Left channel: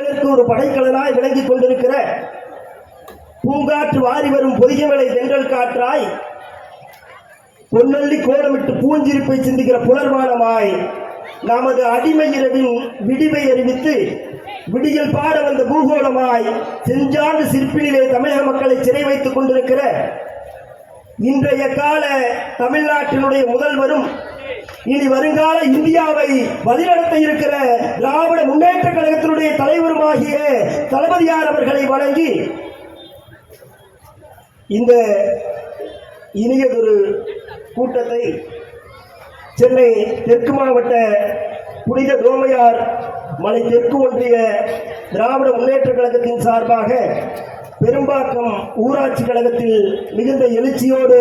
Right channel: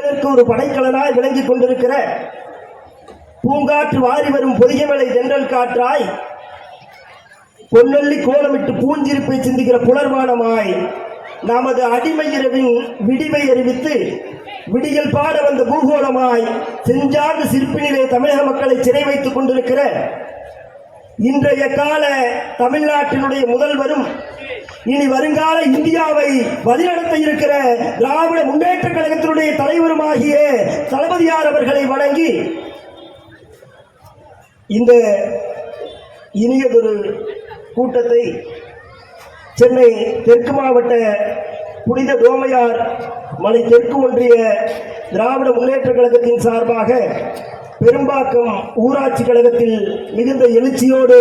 இதற்கு ஒரு படைக்கலனாய் விளங்கிக் கொண்டிருக்கிற பூங்காற்று வாரி வரும் பொதியமலை தென்றல் காற்றாய் பொன்னள்ளி கோலமிட்டு பூஞ்சிருப்பை சிந்திக்கிற புலர்வானமாய் நமது அடிமை இரவின் விடிவை அறிவித்து விடியல் பாட வந்த பூகோளமாய் செஞ்சார்ந்த சிற்பினிலே தமிழக மக்களை சிறை வைத்துக் கொண்டிருக்கிற இன்றைய கால தமிழ்நாட்டினுடைய முதல்வரும் இனி வருங்கால இந்தியாவை வழிநடத்த இருக்கிற திராவிட முன்னேற்ற கழகத்தினுடைய தலைவருமாகிய தளபதியார் அவர்களை வணங்கி இந்த இனியதொரு கூட்டத்தை சென்னை தெற்கு மாவட்ட புனித தோமையார் மலை தெற்கு ஒன்றிய திராவிட முன்னேற்ற கழகத்தின் சார்பாக பெரும்பாக்கம் ஊராட்சி கழகத்தில் மிகுந்த எழுச்சியோடு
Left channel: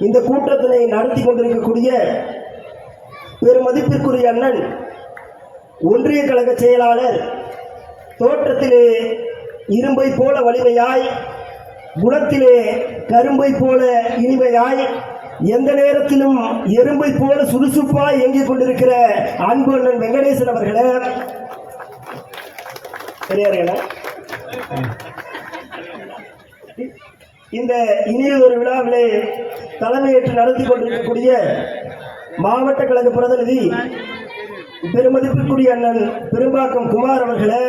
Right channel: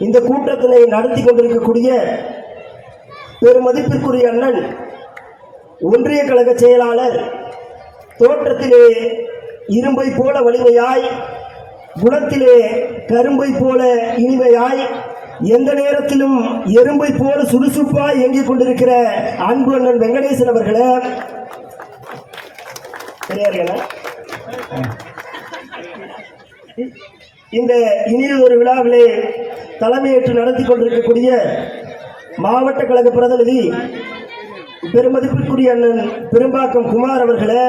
இந்த கூட்டத்தினை நடத்தி கொண்டிருக்கக்கூடிய பெருமதிப்பிற்குரிய அண்ணன் ஒன்றிய கழக செயலாளர் தோற்றத்திலே இரும்பை போல வலிமையாய் குணத்திலே கரும்பை போல இனிமையாய் எந்த நேரத்திலும் எறும்பை போல சுறுசுறுப்பாய் இயங்கிக் கொண்டிருக்கிற அன்பு அண்ணன் வெங்கடேசன் அவர்களே. இந்த இனியதொரு விழாவிலே தலைமையேற்று நடத்தி கொண்டிருக்கக்கூடிய மாவட்ட கழக பிரதிநிதி பெருமதிப்பிற்குரிய அண்ணன் பெரும்பாக்கம் குமார் அவர்களே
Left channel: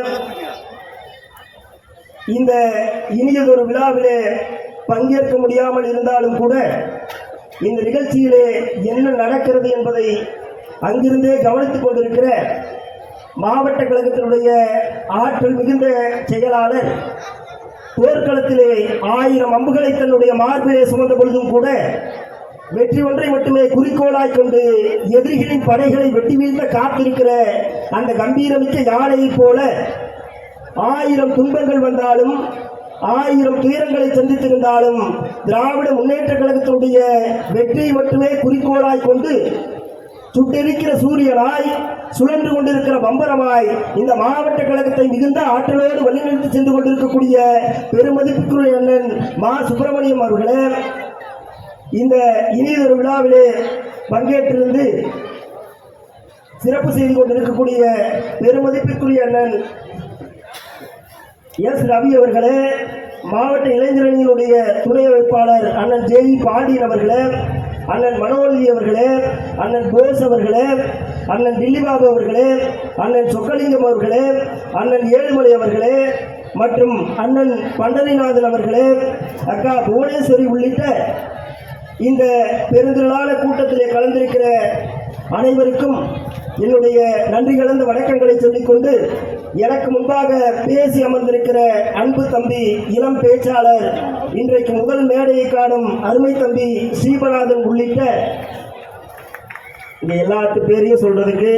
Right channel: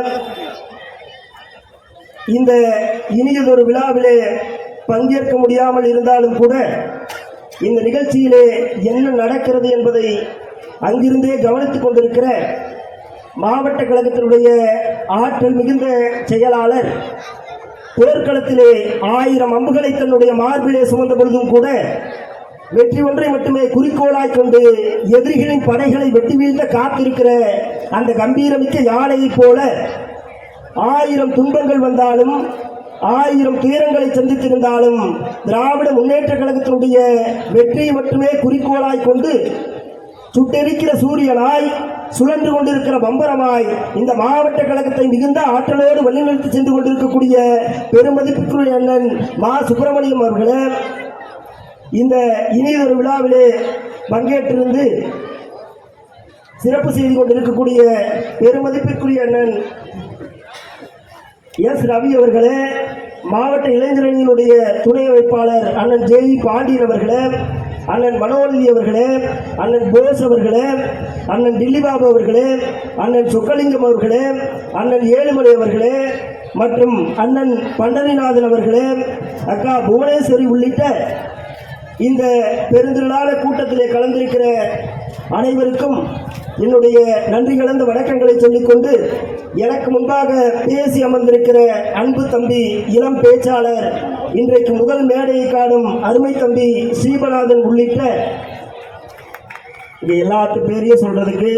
இந்த இனியதொரு விழாவிலே பங்கேற்க முடியாமல் இருந்தாலும் கூட இந்த நிகழ்ச்சியிலே என்ன நடக்கிறது என்பதை அங்கிருந்தே கவனித்துக் கொண்டிருக்கிற மாவட்ட கழகத்தினுடைய ஆற்றல் மிகுந்த செயலாளர் போர்க்களத்திலே ஆயிரம் அம்புகளை தன்னுடைய மார்பிலே சுமந்த பொழுதும் கூட வெற்றி ஒன்றை மட்டுமே குறிக்கோளாய் கொண்டு எதிரிகளின் படைகளை வெட்டி வீழ்த்த காத்திருக்கிற அந்த கம்பீரமிக்க யானையைப் போல ஆயிரம் துன்பங்கள் வந்தாலும் ஆயிரம் துயரங்களை சந்தித்திருந்தாலும் திராவிட முன்னேற்ற கழகத்தினுடைய வெற்றியை மட்டுமே குறிக்கோளாய் கொண்டு சுட்டெரிக்கிற சூரியனாய் சுழன்று கொண்டிருக்கிற பம்பரமாய் இந்த மாவட்ட கழகத்தை மிகுந்த ஆற்றலோடு வழிநடத்தி சென்று கொண்டிருக்கக்கூடிய பெருமதிப்புக்குரிய அண்ணன் மா சுப்பிரமணியம் அவர்களே இந்த இனியதொரு விழாவிலே பங்கேற்றிருந்து சிறப்பு செய்து கொண்டிருக்கக்கூடிய பெருமதிப்பிற்குரிய அண்ணன் எஸ். ரவி அவர்களே மாவட்ட இளைஞரணியினுடைய துணை அமைப்பாளர் அண்ணன் ஜே. பாண்டியன் அவர்களே அண்ணன் மனோரதி அவர்களே அண்ணன் போஸ் அவர்களே அண்ணன் டில்லிபாபு அவர்களே அண்ணன் சொக்கலிங்கம் அவர்களே அண்ணன் ஏழுமலை அவர்களே மற்றும் அண்ணன் பண்டரிநாதன் அவர்களே அக்கா புவனேஸ்வரி உள்ளிட்ட இந்த பெருந்திருநாள கூட்டத்திலே கலந்திருக்கிற அனைவருக்கும் என்னுடைய நன்றி கலந்த வணக்கங்களை சொல்லிக்கொண்டு எனக்கு முன்பாக பேசி அமர்ந்திருக்கிற அன்பு தம்பி இளம் பேச்சாளர் இன்றைக்கு முதல் மேடையை காணும் அருமை தம்பி ஸ்ரீபநாதன் உள்ளிட்ட இங்கே எல்லாத்து பேரையும் சொல்கிறதுக்கு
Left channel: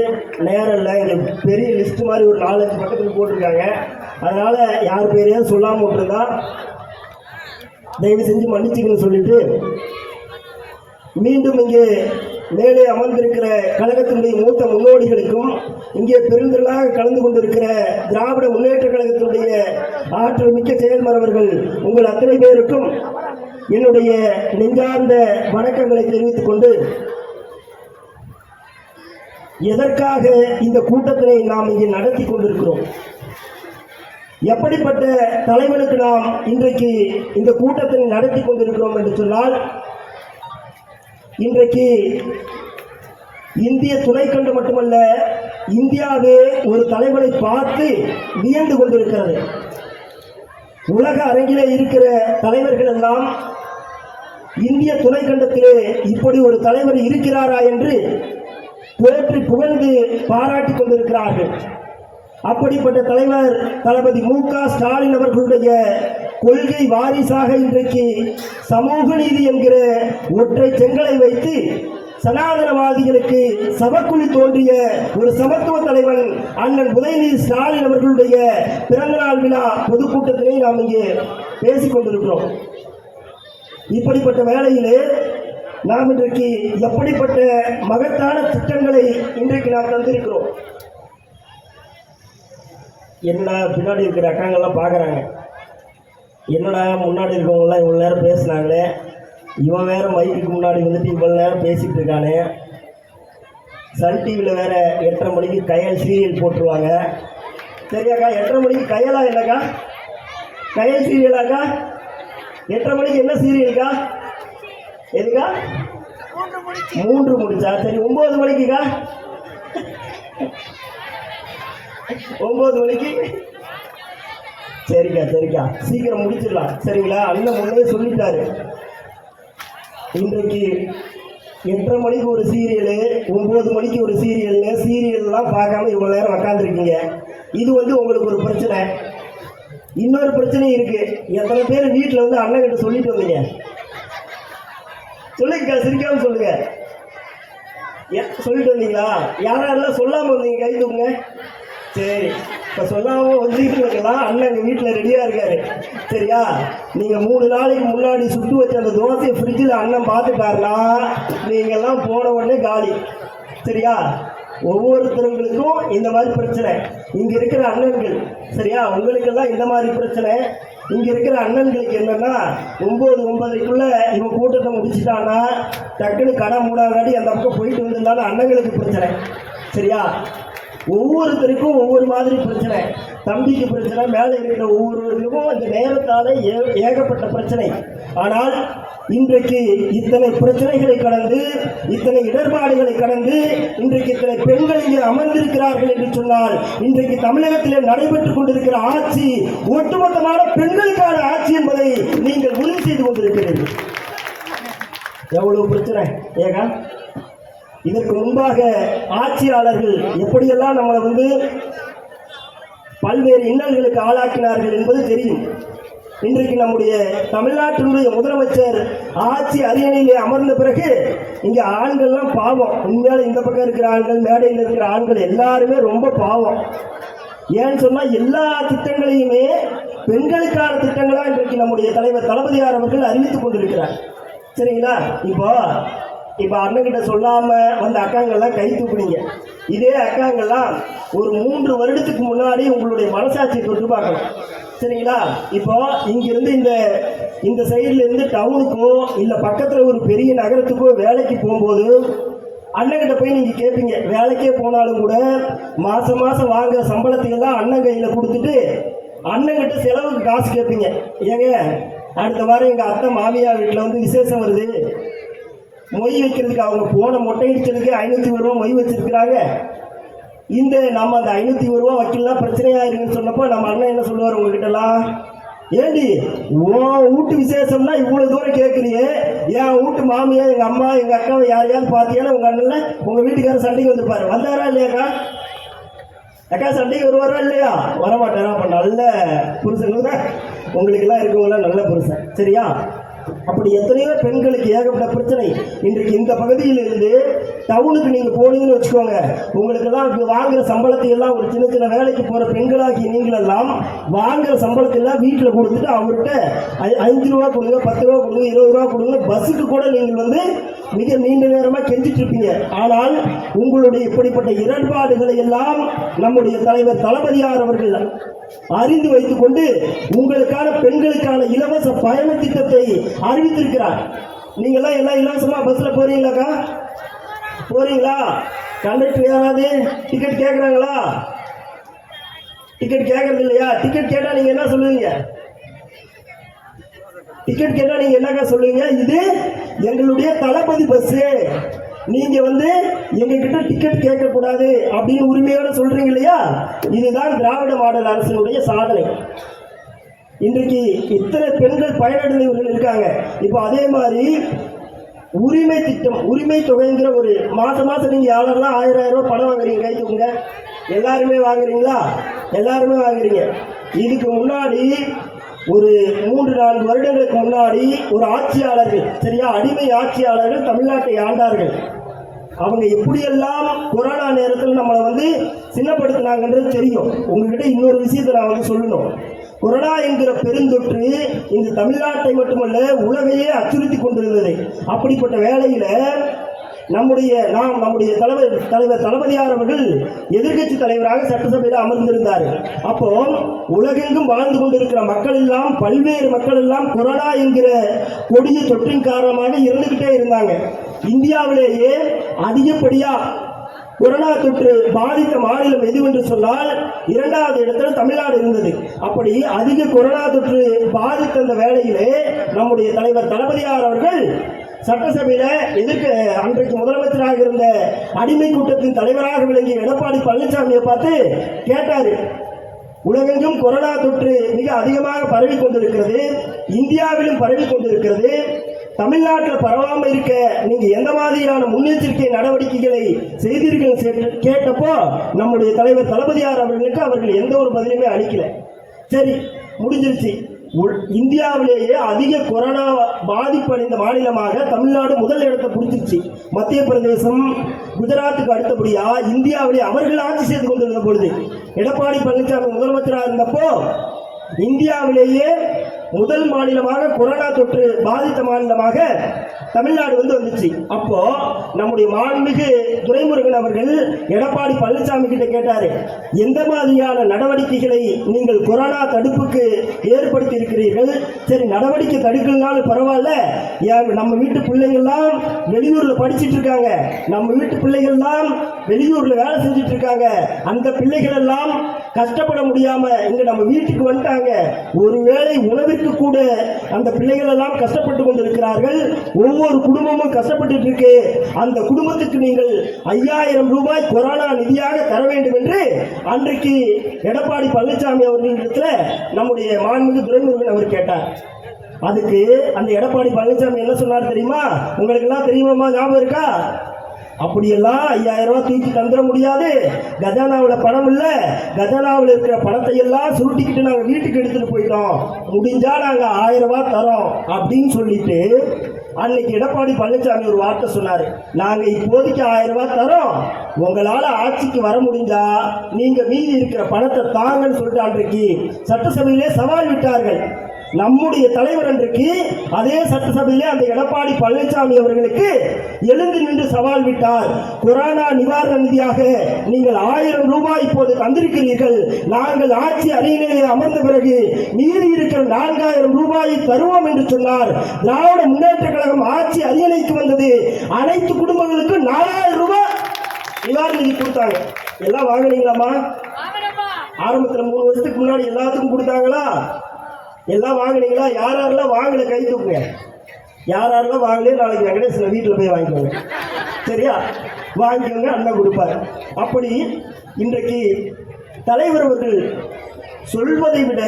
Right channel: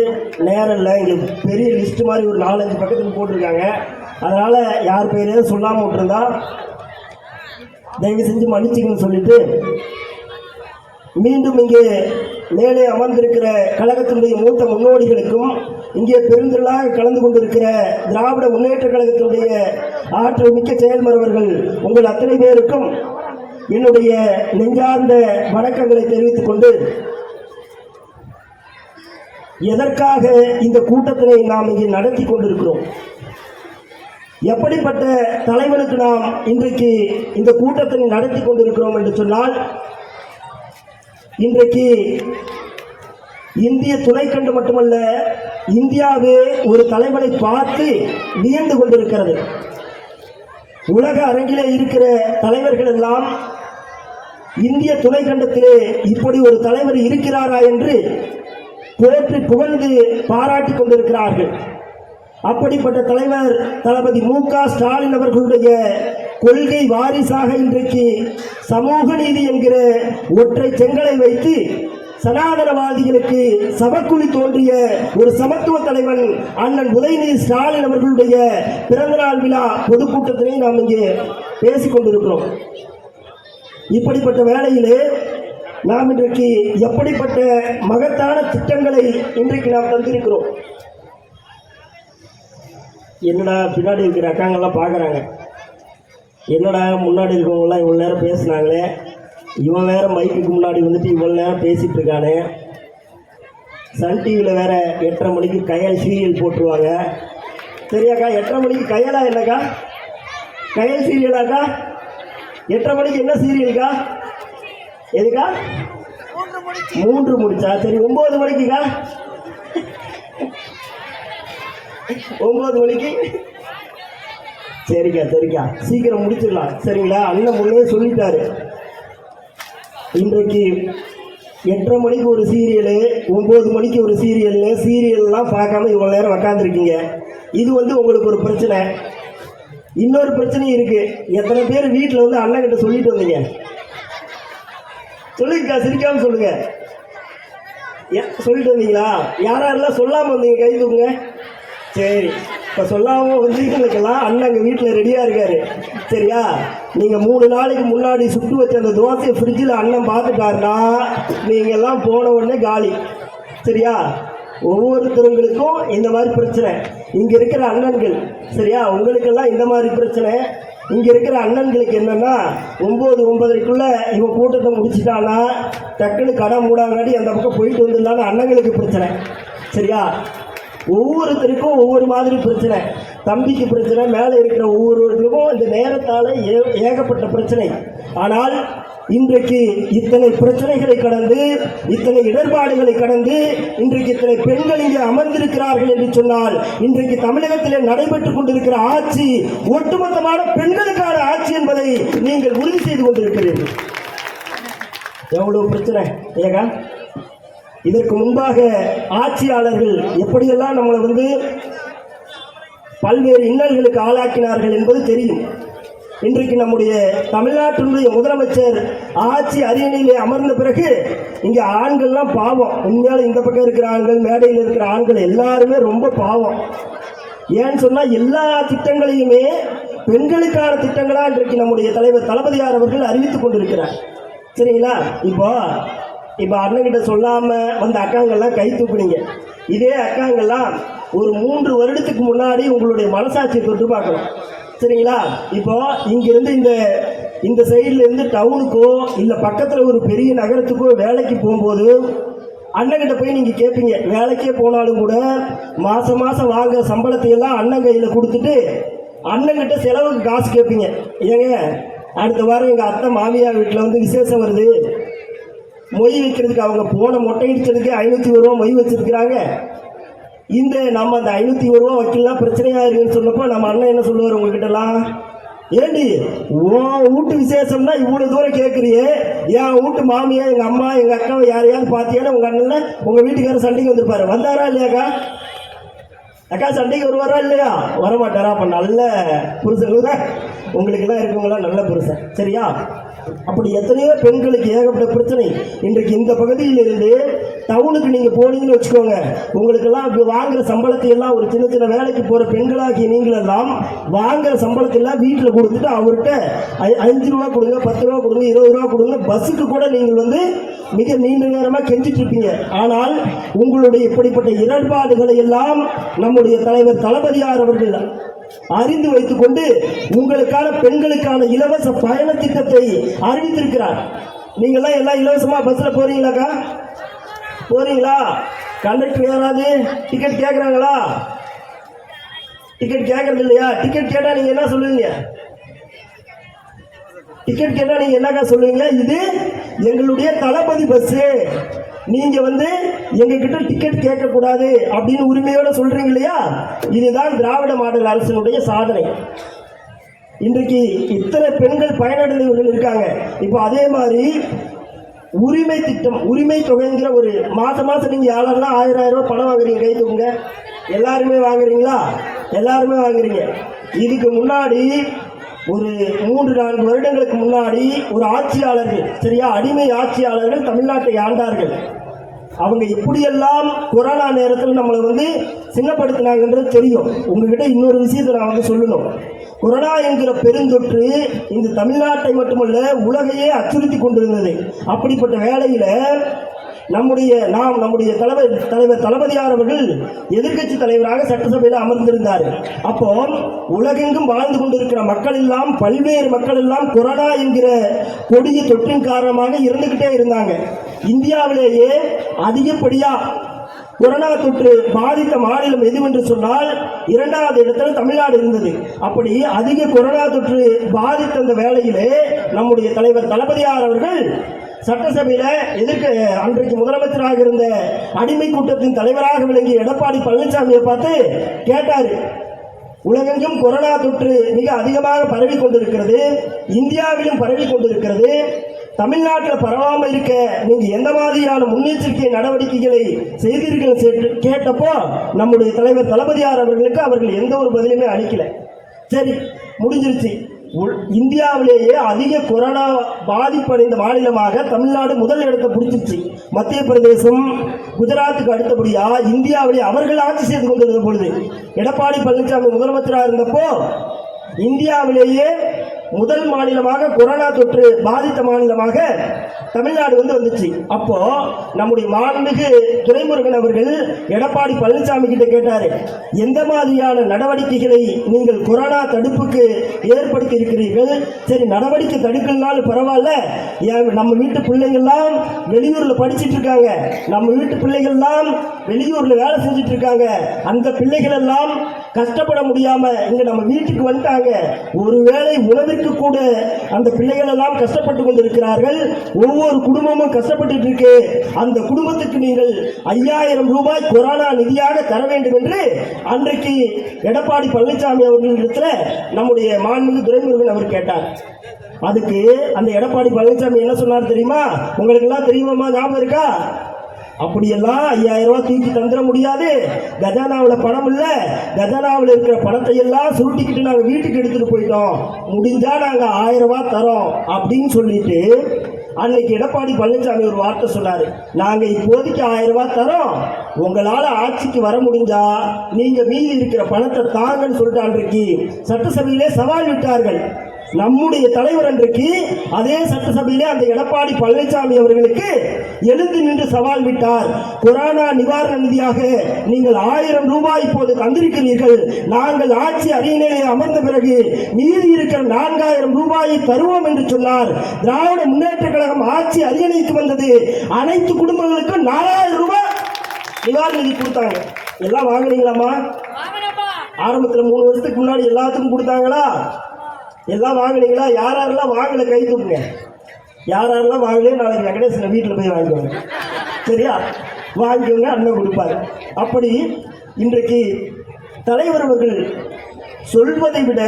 நேரம் இல்லை. இங்கே பெரிய லிஸ்ட் மாதிரி ஒரு நாலஞ்சு பக்கத்துக்கு போட்டிருக்காங்க. அதனால் யார் பேரையும் சொல்லாமல் விட்டுருந்தா தயவு செஞ்சு மன்னிச்சுக்கணும்னு சொல்லிட்டு மீண்டும் இங்கே மேலே அமர்ந்திருக்கிற கழகத்தினுடைய மூத்த முன்னோடிகளுக்கும் இங்கே பெருந்திரளாக கலந்து கொண்டிருக்கிற திராவிட முன்னேற்ற கழகத்தினுடைய ஆற்றல் மிக்க செயல்மரவர்கள் உங்கள் அத்தனை பேருக்கும் என்னுடைய நெஞ்சார்ந்த வணக்கங்களை தெரிவித்துக் கொண்டு எதற்காக இந்த கூட்டத்தினை நாம் இங்கே நடத்தி கொண்டிருக்கிறோம்? எப்படிப்பட்ட தலைவனுக்கு நாம் இன்றைக்கு இந்த கூட்டத்தினை நடத்தி கொண்டிருக்கிறோம் என்று சொன்னால் இன்றைக்கு இந்திய துணைக்கண்டு மட்டுமல்ல இந்தியாவு ஒரு தலைவனை பார்த்து வியந்து கொண்டிருக்கிறது. உலக அரங்கிலே இருக்கிற தலைவர்கள் எல்லாம் இந்திய துணைக்கண்டத்திலே இப்படி ஒரு தலைவர் இருக்கிறாரா என்று போற்றி புகழ்ந்து பாராட்டிக் கொண்டிருக்கிறார்கள். அப்படிப்பட்ட தலைவர் தளபதி மு க ஸ்டாலின் அவர்களுடைய கொள்கை வாரிசாக இன்றைக்கு சமூக நீதி என்கிற ஒற்றை செங்கலை வைத்து சனாதனவாதிகளுக்கு சபக்குழி தோன்றிய ஒரு சமத்துவ தலைவன் அண்ணன் உதயநிதி ஸ்டாலின் அவர்களுடைய பிறந்தநாள் விழா பொதுக்கூட்டத்திலே நாம் இங்கே பேசிக்கொண்டிருக்கிறோம் இப்படிப்பட்ட வேளையிலே நாம் இன்றைக்கு எப்படிப்பட்ட மகத்தான திட்டங்களை இன்றைக்கு நாம் தந்திருக்கிறோம். என்னடா பின்னாடி இருக்கிற அக்காங்கெல்லாம் பார்க்குறாங்க. என்னடா முன்னாடி இருக்கவங்களாம் இவ்வளோ நேரம் பேசுனாங்களே? இவன் வேற மைக்குக்கு முன்னாடி வந்துட்டு இவ்வளோ நேரம் பேசிகிட்டு இருக்கானே. சன் டிவியில் வேற எட்டரை மணிக்கு கையால் சீரியல் போட்டுருவாங்க. சரியாக்கா எட்டரை மணிக்கு கையலா இல்லைக்கா கயல் சீரியலாக்கா எட்டரை மணிக்கு என்ன சீரியலுக்கா எதுக்கா? மூன்று முடிச்சு. மூன்று முடிச்சா? சரி ஒன்பது மணிக்குக்கா? ஒன்பது மணிக்கு? சரிக்கா சரிக்கா. சீக்கிரம் முடிச்சிடலாம். சரிங்களா? அண்ணன் முன்னே சொல்லிட்டாரு. இன்றைக்கு எட்டரை மணிக்கு ஒரு சீரியலு ஒம்பது மணிக்கு ஒரு சீரியல்னு சீரியல்லாம் பார்க்காம இவ்வளோ நேரம் உக்காந்துருக்கீங்க. இது வந்து உங்களுக்கு ஒரு பிரச்சனை. இன்னொரு பிரச்சனையும் இருக்கு. எத்தனை பேர் வீட்டில் வந்து அண்ணன் கிட்ட சொல்லிட்டு வந்தீங்க? சொல்லுங்கக்கா சிரிக்காம சொல்லுங்க. சொல்லிட்டு வந்தீங்களா? யாரெல்லாம் சொல்லாமல் வந்தீங்க கை தூக்குங்க? சரி. இப்போ சொல்லாம வந்தீங்களுக்கெல்லாம் அண்ணன் எங்கள் வீட்டில் ரெடியாக இருக்காரு. சரியா? நீங்கள் மூணு நாளைக்கு முன்னாடி சுட்டு வச்ச அந்த தோசையை ஃப்ரிட்ஜில் அண்ணன் பார்த்துட்டாருன்னா நீங்கள் எல்லாம் போன உடனே காலி. சரியா? ஒவ்வொருத்தருங்களுக்கும் இந்த மாதிரி பிரச்சனை. இங்கே இருக்கிற அண்ணன்கள் சரியா? உங்களுக்கெல்லாம் இந்த மாதிரி பிரச்சனை. இங்கே இருக்கிற அண்ணன்களுக்கு என்னன்னா ஒம்பது ஒன்பதரைக்குள்ள இவன் கூட்டத்தை முடிச்சிட்டானா டக்குன்னு கடை மூடாங்காட்டி அந்த பக்கம் போயிட்டு வந்திருந்தாலும் அண்ணங்களுக்கு பிரச்சனை. சரியா? ஒவ்வொருத்தருக்கும் ஒவ்வொரு மாதிரி பிரச்சனை. தம்பிக்கு பிரச்சனை மேலே இருக்கிற ஒவ்வொருவர்களுக்கும் அந்த நேரத்தால் ஏ ஏகப்பட்ட பிரச்சனை. ஆனால் இன்றைக்கு இத்தனை பிரச்சனைகளை கடந்து இத்தனை இடர்பாடுகளை கடந்து இன்றைக்கு இத்தனை பெண்கள் இங்கே அமர்ந்திருக்கிறார்கள் என்று சொன்னால் இன்றைக்கு தமிழகத்தில் நடைபெற்றுக் கொண்டிருக்கிற ஆட்சி ஒட்டுமொத்தமான பெண்களுக்கான ஆட்சி என்பதை நீங்கள் உறுதி செய்து கொண்டிருக்கிறீர்கள். எவ்வளவு பிரச்சனை ஏகா இதற்கு முன்பாக ஆட்சியாளர்கள் எப்படியெல்லாம் நம்மளை வந்து பல்வேறு இன்னல்களுக்கு ஆளாக்கினார்கள் என்பது தெரியும். இன்றைக்கு நம்முடைய தமிழ்நாட்டினுடைய முதலமைச்சர் ஆட்சி அரியணையிலே அமர்ந்த பிறகு இங்கே ஆண்கள்லாம் பாவம். உண்மையால இந்த பக்கம் இருக்கிற ஆண்கள் மேடையில் இருக்கிற ஆண்கள் எல்லாருமே ரொம்ப பாவம். ஏன்னு சொன்னால் எல்லா திட்டங்களையுமே பெண்களுக்கான திட்டங்களா இன்றைக்கு நம்முடைய தலைவர் தளபதியார் அவர்கள் அறிவித்துக் கொண்டிருக்கிறார். சரிங்களா? இப்போ இப்போ அண்ணன்கிட்ட சொல்லாமல் வந்த அக்காங்கெல்லாம் கை தூக்குனீங்க. இதே அக்காங்கெல்லாம் ஒரு மூன்று வருடத்துக்கு முன்னாடி உங்களுடைய மனசாட்சியை தொட்டு பார்க்கணும். சரிங்களா? இப்போ இங்கிருந்து இந்த இந்த சைட்லேருந்து டவுனுக்கோ இல்லை பக்கத்தில் ஒரு பெரிய நகரத்துக்கோ வேலைக்கு போகும்போது அண்ணன்கிட்ட போய் நீங்கள் கேட்பீங்க வேலைக்கே போனாலும் கூட மாதம் மாதம் வாங்குற சம்பளத்தை எல்லாம் அண்ணன் கையில் கொடுத்துட்டு அண்ணங்கிட்ட செலவுக்கு காசு கேட்பீங்க ஏங்க அடுத்த வாரம் எங்கள் அத்தை மாமியார் வீட்டில் வந்து விசேஷம் வருது. மொய் வைக்கிறதுக்கு அவங்க போன மொட்டை அடிச்சதுக்கு ஐநூற்றி ஒரு ரூபா மொய் வச்சிருக்கிறாங்க. இந்த நம்ம அந்த ஐநூற்றி ஒரு ரூபா வைக்கலாம் பிரச்சனையாயிருக்குன்னு சொன்னப்போ நம்ம அண்ணன் என்ன சொல்லுவார் உங்ககிட்டலாம்? ஏண்டி ஓ வீட்டு விசேஷம்னா இவ்வளோ தூரம் கேட்குறியே என் வீட்டு மாமியா எங்கள் அம்மா எங்கள் அக்காவை யாரையாவது பார்த்தீங்கன்னா உங்கள் அண்ணன்? உங்கள் வீட்டுக்காரர் சண்டைக்கு வந்திருப்பாரு. வந்தாரா இல்லையாக்கா? அக்கா சண்டைக்கு வருவாரா இல்லையா? வரமாட்டாரா? அப்போ நல்ல புருஷன் உங்களுக்கெல்லாம் இருக்கவங்களாம் நல்ல புருஷன். சரியா? அப்படி எத்தனையோ பெண்களுக்கு ஏகப்பட்ட பிரச்சனை. இன்றைக்கு இந்த பகுதியிலிருந்து டவுனுக்கு நீங்கள் போனீங்கன்னு வச்சுக்கோங்க. உங்களுக்கெல்லாம் இப்ப வாங்குற சம்பளத்தை எல்லாம் ஒரு சின்ன சின்ன வேலைக்கு போகிற பெண்களாகிய நீங்களெல்லாம் வாங்குற சம்பளத்தை எல்லாம் வீட்டில் கொடுத்துட்டு அவர்கிட்ட அஞ்சு ரூபா கொடுங்க பத்து ரூபா கொடுங்க இருபது ரூபா கொடுங்க பஸ்ஸுக்கு கூட நீங்கள் வந்து மிக நீண்ட நேரமாக கெஞ்சிட்டு இருப்பீங்க ஆனால் உங்களுடைய இப்படிப்பட்ட இடர்பாடுகளை எல்லாம் நம்முடைய தலைவர் தளபதியார் அவர்கள் அறிந்து வைத்துக் கொண்டு உங்களுக்கான பெண்களுக்கான இலவச பயண திட்டத்தை அறிவித்திருக்கிறார். நீங்கள்லாம் எல்லாம் இலவசமாக பஸ்ஸில் போறீங்களாக்கா? போறீங்களா? கண்டக்டர் யாராவது? டிக்கெட் கேட்குறாங்களா டிக்கெட் கேட்கறது இல்லையா டிக்கெட் கேட்டால் நீங்கள் என்ன சொல்லுவீங்க? டிக்கெட் கேட்டால் நீங்கள் என்னக்கா சொல்லுவீங்க? இது எங்களுடைய தளபதி பஸ் நீங்க வந்து எங்க கிட்ட டிக்கெட் கேட்க கூடாது அப்படின்னு உரிமையோட சொல்றீங்க இல்லையா? இதுதான் திராவிட மாடல் அரசினுடைய சாதனை. இன்றைக்கு இத்தனை பெண்கள் பயனடைந்தவர்கள் இருக்காங்க. இப்போ அதே மாதிரி உரிமை திட்டம் உரிமை தொகைங்கிற ஒரு மாதம் மாதம் நீங்கள் யாரெல்லாம் ஆயிரம் ஆயிரம் ரூபாய் பணம் வாங்குறீங்க கை எல்லாருமே வாங்குறீங்களா? எல்லாருமே வாங்குறீங்க. இதுக்கு முன்னாடி ஒரு மூன்று நான்கு வருடங்களுக்கு முன்னாடி ஒரு ஆட்சியாளர்கள் சரியா? அடிமை ஆட்சியாளர்கள் தமிழ்நாட்டை ஆண்டார்கள் அவங்க எப்படியெல்லாம் கொரோனா நேரத்தில் நம்மளை வந்து சின்னப்படுத்தினாங்கன்றது தெரியும். உங்ககிட்ட இன்னொரு விஷயத்தை நான் வந்து சொல்லணும். கொரோனா என்கிற பெருந்தொற்று இந்த தமிழ்நாட்டை மட்டுமல்ல உலகையே அச்சுறுத்தி கொண்டிருந்தது. அப்படிப்பட்ட வேளையில நம்முடைய நாம் நம்முடைய தலைவர் தலைவர் தளபதியார் அவர்கள் எதிர்க்கட்சி தலைவராக சட்டசபையில் அமர்ந்திருந்தார். அப்போ உலகெங்கும் வாழ்ந்து கொண்டிருக்கிற மக்கள் எல்லாம் பல்வேறு மக்கள் எல்லாம் கொரோனா என்கிற கொடிய தொற்றின் காரணமாக இருந்துகிட்டே இருந்தாங்க. இந்தியாவிலேயே அதிகப்படியா கொரோனா தொற்று பாதித்த மாநிலம் எதுவென்று சொன்னால் இரண்டாவது இடத்துல தமிழ்நாடு இருந்தது. அப்படி அதிக கொரோனா தொற்று பாதித்த அந்த வேளையிலே நம்முடைய தலைவர் தளபதியார் அவர்கள் சட்டசபையில எதிர்க்க அன்றைக்கு முதலமைச்சராக இருந்த அடிமை கூட்டத்தின் தலைவராக விளங்கிய எடப்பாடி பழனிசாமியை பார்த்து கேட்டாரு. உலகெங்கும் கொரோனா தொற்று மிக அதிகமாக பரவி கொண்டிருக்கிறது. இந்தியாவிலும் பரவி கொண்டிருக்கிறது. தமிழ்நாட்டில் பரவாமல் இருக்க நீங்க எந்த மாதிரியான முன்னெச்சரிக்கை நடவடிக்கைகளை செய்தீர்கள் கேட்டப்போ நம்முடைய தலைவர் தளபதியார் அவர்களுக்கு அவர்கள் எந்த ஒரு பதிலுமே அளிக்கல. சரி முடிஞ்சிருச்சு. இந்தியாவிலேயே அதிக கொரோனா பாதிப்படைந்த மாநிலமாக தமிழ்நாடு முதல் இடத்தை பிடிச்சிருச்சு. மத்திய பிரதேசம் குஜராத்துக்கு அடுத்தபடியா இந்தியாவிலே அவர்கள் ஆட்சி செய்து கொண்டிருந்த பொழுது எடப்பாடி பழனிசாமி முதலமைச்சராக இருந்தப்போ இந்தியாவிலேயே முதல் மாநிலமாக கொரோனா தொற்று பாதித்த மாநிலமாக தமிழ்நாடு வந்து வந்துச்சு. அப்போ நம்முடைய மாண்புமிகு துரைமுருகன் அவர்கள் எடப்பாடி பழனிசாமி கிட்ட கேட்டாரு எந்த மாதிரியான நடவடிக்கைகளை நீங்கள் கொரோனா தடுப்புக்கு ஏற்படுத்தி இருக்கிறீர்கள்? சரி நடவடிக்கை தடுக்கலனாலும் பரவாயில்ல. ஏன் நம்ம வீட்டு பிள்ளைங்கள்லாம் வெளியூர்ல படிச்சிட்டு இருக்காங்க. நம்ம வீட்டு பிள்ளைகள்லாம் வெளியூர்ல வேலை செஞ்சுட்டு இருக்காங்க. அந்த பிள்ளைகள் எல்லாம் கஷ்டப்பட முடியாம இங்க நம்ம வீட்டுக்கு வந்துட்டாங்க. ஒருவேளை உணவிற்கு கூட அந்த பிள்ளைகள் எல்லாம் கஷ்டப்பட்டு கொண்டிருக்கிறார்கள். ஒவ்வொரு குடும்பமும் கஷ்டப்பட்டு இருக்கு. அந்த குடும்பத்துக்கு நீங்கள் ஐயாயிரம் ரூபாய் கொரோனா நிதியாக தர வேண்டும் என்று அன்றைக்கு எடப்பாடி பழனிசாமி அவர்களிடத்துல நம்முடைய மாண்புமிகு துரைமுருகன் அவர் கேட்டார். அதுக்கு அந்த எடப்பாடி பழனிசாமி என்ன சொன்னார் தெரியுமா? உங்களுக்கு எல்லாம் தெரியுமா ஞாபகம் இருக்கா? அப்படியெல்லாம் ஐயாயிரம் ரூபாய் தூக்கி தந்துட முடியாது. கஜானாவில் பணம் இல்லை. கஜானாவில் இருக்கிற பணத்தை எல்லாம் சுருட்டிக்கிட்டு நாங்கள் வீட்டுக்கு எடுத்துகிட்டு போயிட்டோம். முடிஞ்சால் நாங்கள் ஆயிரம் ரூபாய் தரோம் அப்படின்னு சொல்லிட்டு அன்னைக்கு எடப்பாடி பழனிசாமி ஒரு வார்த்தை சொன்னார். நாங்கள் இப்போதைக்கு ஆயிரம் ரூபாய் தரோம். உங்களால் ஆட்சிக்கு வர முடிஞ்சா நீங்கள் மீதி இருக்கிற பணத்தை தாங்கன்னு சொல்லிட்டு அன்றைக்கு சட்டசபையிலே சவால் விட்டார்கள். நம்முடைய தலைவர் அன்றைக்கு அதே சட்டசபையிலே அந்த எடப்பாடி பழனிசாமி அவர்களுக்கு எழுந்து நின்று சவால் விட்டார். கொரோனா நிவாரண நிதியாக நீங்கள் ஆயிரம் ரூபாய் இப்போது தந்திருக்கிறீர்கள். நாங்கள் ஆட்சி அரியணையிலே அமர்ந்த பிறகு மீதி இருக்கிற நான்காயிரம் ரூபாயை தருவோம் என்று சொன்னார். திராவிட முன்னேற்ற கழகம் ஆட்சி அரியணைக்கு வந்தது. அனைத்து குடும்பங்களுக்கும் நாலாயிரம் ரூபாய் நிவாரண நிதி கொடுத்தாங்க. எல்லாம் வாங்குனீங்களாமா ஆரம்பத்தில் மூணு வருஷத்துக்கு முன்னாடி எல்லாத்துக்கும் கொடுத்தாங்களா? எல்லாம் வாங்கினீங்களா? யார் யாரெல்லாம் வாங்கல? கை தூக்குங்க. யார் யாரெல்லாம் வாங்கலையோ நாளைக்கு வெங்கடேசன் வீட்டில் போய் வாங்கிக்கோங்க. சரியா? வாங்கிக்கோங்க அண்ணன் கொடுப்பாரு. அப்படி இன்றைக்கு தலைவர் அவர்கள் சொல்வதை விட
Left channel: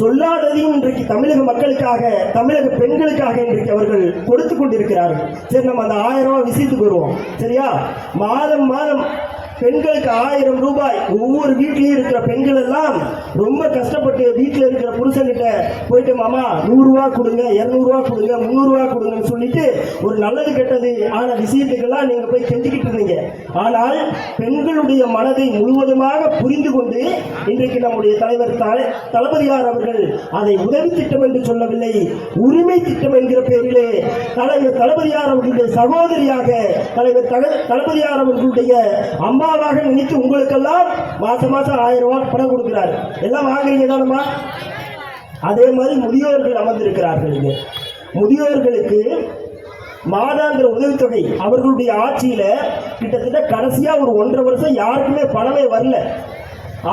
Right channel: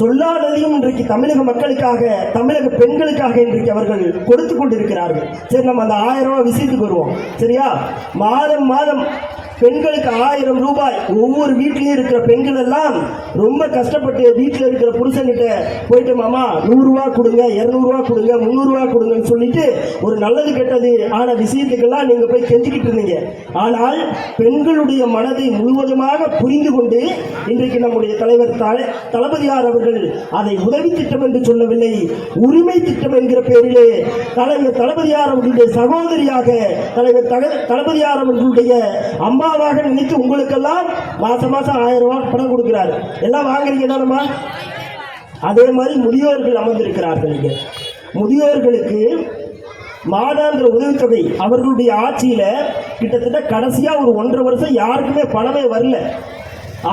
சொல்லாததையும் இன்றைக்கு தமிழக மக்களுக்காக தமிழக பெண்களுக்காக இன்றைக்கு அவர்கள் கொடுத்து கொண்டிருக்கிறார்கள். சரி நம்ம அந்த ஆயிரம் ரூபாய் விஷயத்துக்கு வருவோம். சரியா? மாதம் மாதம் பெண்களுக்கு ஆயிரம் ரூபாய். ஒவ்வொரு வீட்லயும் இருக்கிற பெண்கள் எல்லாம் ரொம்ப கஷ்டப்பட்டு வீட்டில் இருக்கிற புருஷன்கிட்ட போயிட்டு மாமா நூறுரூவா கொடுங்க இரநூறுவா கொடுங்க முந்நூறுரூவா கொடுங்கன்னு சொல்லிட்டு ஒரு நல்லது கெட்டது ஆன விஷயத்துக்கெல்லாம் நீங்கள் போய் கெஞ்சிக்கிட்டு இருந்தீங்க. ஆனால் பெண்களுடைய மனதை முழுவதுமாக புரிந்து கொண்டு இன்றைக்கு நம்முடைய தலைவர் தலை தளபதியார் அவர்கள் அதை உதவி திட்டம் என்று சொல்லவில்லை உரிமை திட்டம் என்கிற பெயரிலே தலைவர் தளபதியார் அவர்களுடைய சகோதரியாக தலைவர் தக- தளபதியார் அவர்களுடைய அம்மாவாக நினைத்து உங்களுக்கெல்லாம் மாசம் மாசம் ஆயிரம் ரூபாய் பணம் கொடுக்குறாரு. எல்லாம் வாங்குறீங்க தானம்மா? அதே மாதிரி முதியோர்கள் அமர்ந்திருக்கிறார்கள் இங்க. முதியோர்களுக்கு மாதாந்திர உதவித்தொகை அவர்களுடைய ஆட்சியில கிட்டத்தட்ட கடைசியா ஒரு ஒன்றரை வருஷம் யாருக்குமே பணமே வரல.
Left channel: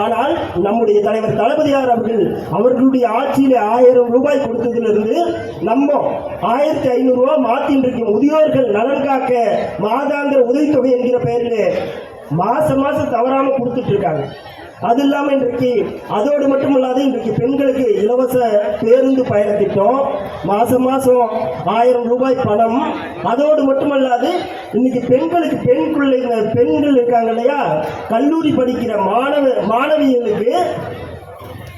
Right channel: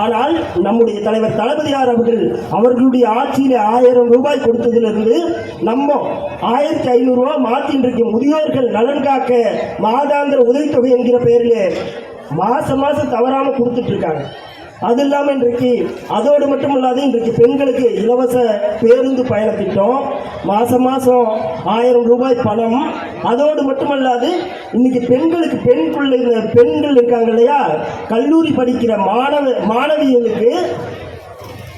ஆனால் நம்முடைய தலைவர் தளபதியார் அவர்கள் அவர்களுடைய ஆட்சியில ஆயிரம் ரூபாய் கொடுத்ததிலிருந்து நம்ம ஆயிரத்தி ஐநூறு ரூபாய் மாத்தி முதியோர்கள் நலன் காக்க மாதாந்திர உதவித்தொகை என்கிற பெயரில் மாசம் மாசம் தவறாம கொடுத்துட்டு இருக்காங்க. அது இல்லாமல் இன்றைக்கு அதோடு மட்டும் இல்லாது இன்றைக்கு பெண்களுக்கு இலவச பேருந்து பயணத்திட்டம் மாதம் மாதம் ஆயிரம் ரூபாய் பணம் அதோடு மட்டுமல்லாது இன்னைக்கு பெண்களுக்கு பெண் பிள்ளைங்க பெண்கள் இருக்காங்க இல்லையா? கல்லூரி படிக்கிற மாணவ மாணவிகளுக்கு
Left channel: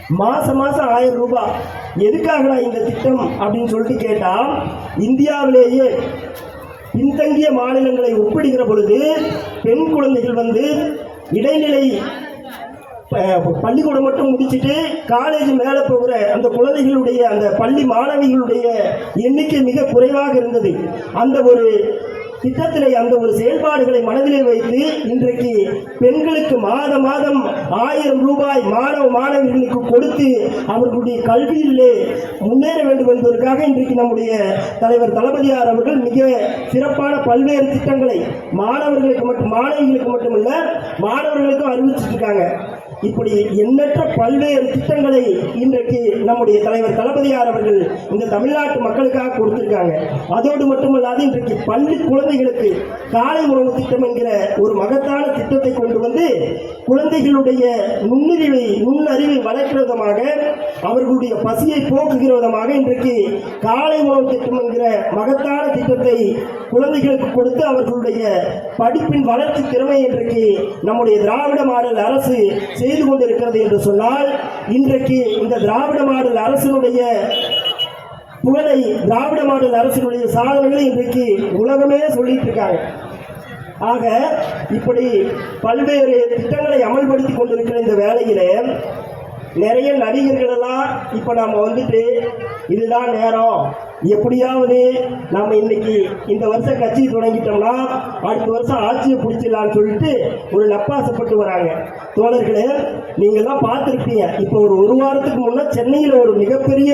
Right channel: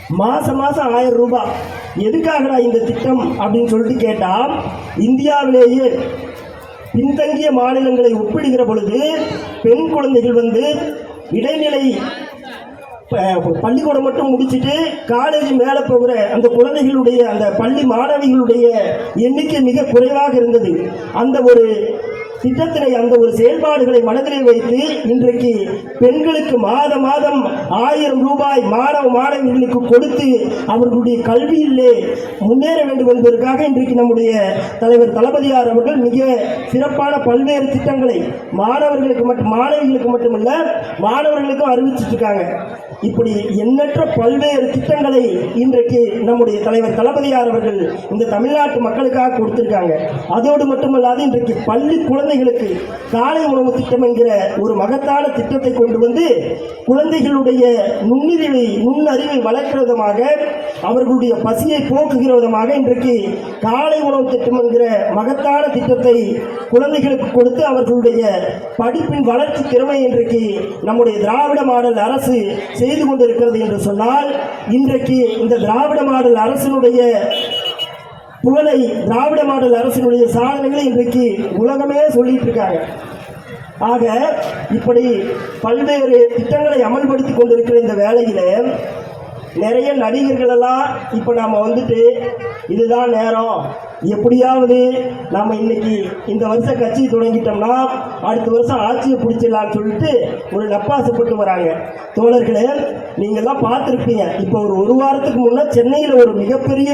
மாதம் மாதம் ஆயிரம் ரூபாய். எதுக்காகடா இந்த திட்டம் அப்படின்னு சொல்லிட்டு கேட்டால் இந்தியாவிலேயே பின்தங்கிய மாநிலங்களை ஒப்பிடுகிற பொழுது பெண் குழந்தைகள் வந்து இடைநிலை பள்ளிக்கூடம் மட்டும் முடிச்சுட்டு காலேஜ் மேலே போகிற அந்த குழந்தைகளுடைய அந்த பள்ளி மாணவிகளுடைய எண்ணிக்கை மிக குறைவாக இருந்தது. அந்த ஒரு திட்டத்தினை அந்த ஒரு செயல்பாடுகளை மனதிலே வைத்து இன்றைக்கு பெண்களுக்கு மாத மாதம் ஆயிரம் ரூபாய் மாணவ மாணவிகளுக்கு கொடுத்து அவர்களுடைய கல்வியிலே முன்னேற வேண்டும் என்பதற்காக இன்றைக்கு நம்முடைய தலைவர் தளபதியார் அவர்கள் மிக சிறப்பான பல்வேறு திட்டங்களை மாணவர்களுக்கு மட்டும் மாணவிகளுக்கு மட்டுமல்ல மாணவர்களுக்கும் அறிவிச்சிட்டு இருக்காங்க. இப்படி எண்ணற்ற பல்வேறு திட்டங்களை இன்றைக்கு நம்முடைய தலைவர் தளபதியார் அவர்கள் இந்த தமிழ்நாட்டு மக்களுக்காக கொடுத்திருக்காங்க. அதோடு மட்டுமல்லாது இன்றைக்கு பள்ளி குழந்தைகளுக்கு காலை உணவு திட்டம் என்கிற ஒரு மகத்தான திட்டத்தை கொண்டு வந்து குழந்தைகளுடைய நுண்ணறிவை நுண்ணறிவை வளர்க்கிற விதமாக அவர்களுடைய பசியை போக்குகிற விதமாக இன்றைக்கு காலை உணவு திட்டம் என்கிற மகத்தான திட்டத்தை குழந்தைகளுக்கு கொடுத்து அவர்களுடைய படிப்பின் வளர்ச்சி திறமை இன்றைக்கு நம்முடைய திராவிட மாடல் அரசு செய்து கொண்டிருக்கிறது என்று சொன்னால் இன்றைக்கு இந்த திராவிட மாடல் அரசினுடைய புகழை திராவிட மாடல் அரசினுடைய சாதனைகளை இன்றைக்கு உலகமே சொல்லிட்டு இருக்காங்க. ஆக இப்படி பல்வேறு திட்டங்களை அமல்படுத்தி கொண்டிருக்கிற இந்த வேலையில் நிறைய நடிகர்களெல்லாம் இப்போ நம்ம வந்துட்டு இதுதான் நேரம் எப்படியாவது நம்ம இன்னைக்கு இந்த வருஷம் கட்சி தொடங்கிட்டோம்னா அடுத்த வருஷம் ஆட்சியை பிடிச்சிடலாம்னு சொல்லிட்டு ஒரு நப்பாசப்பட்டு வராங்க. தோழர்களே நீங்கள் தான் பார்த்துருப்பீங்க. இப்போ ஒரு ஒரு வாரத்துக்கு முன்னே சென்னையில் ஒரு மிகப்பெரிய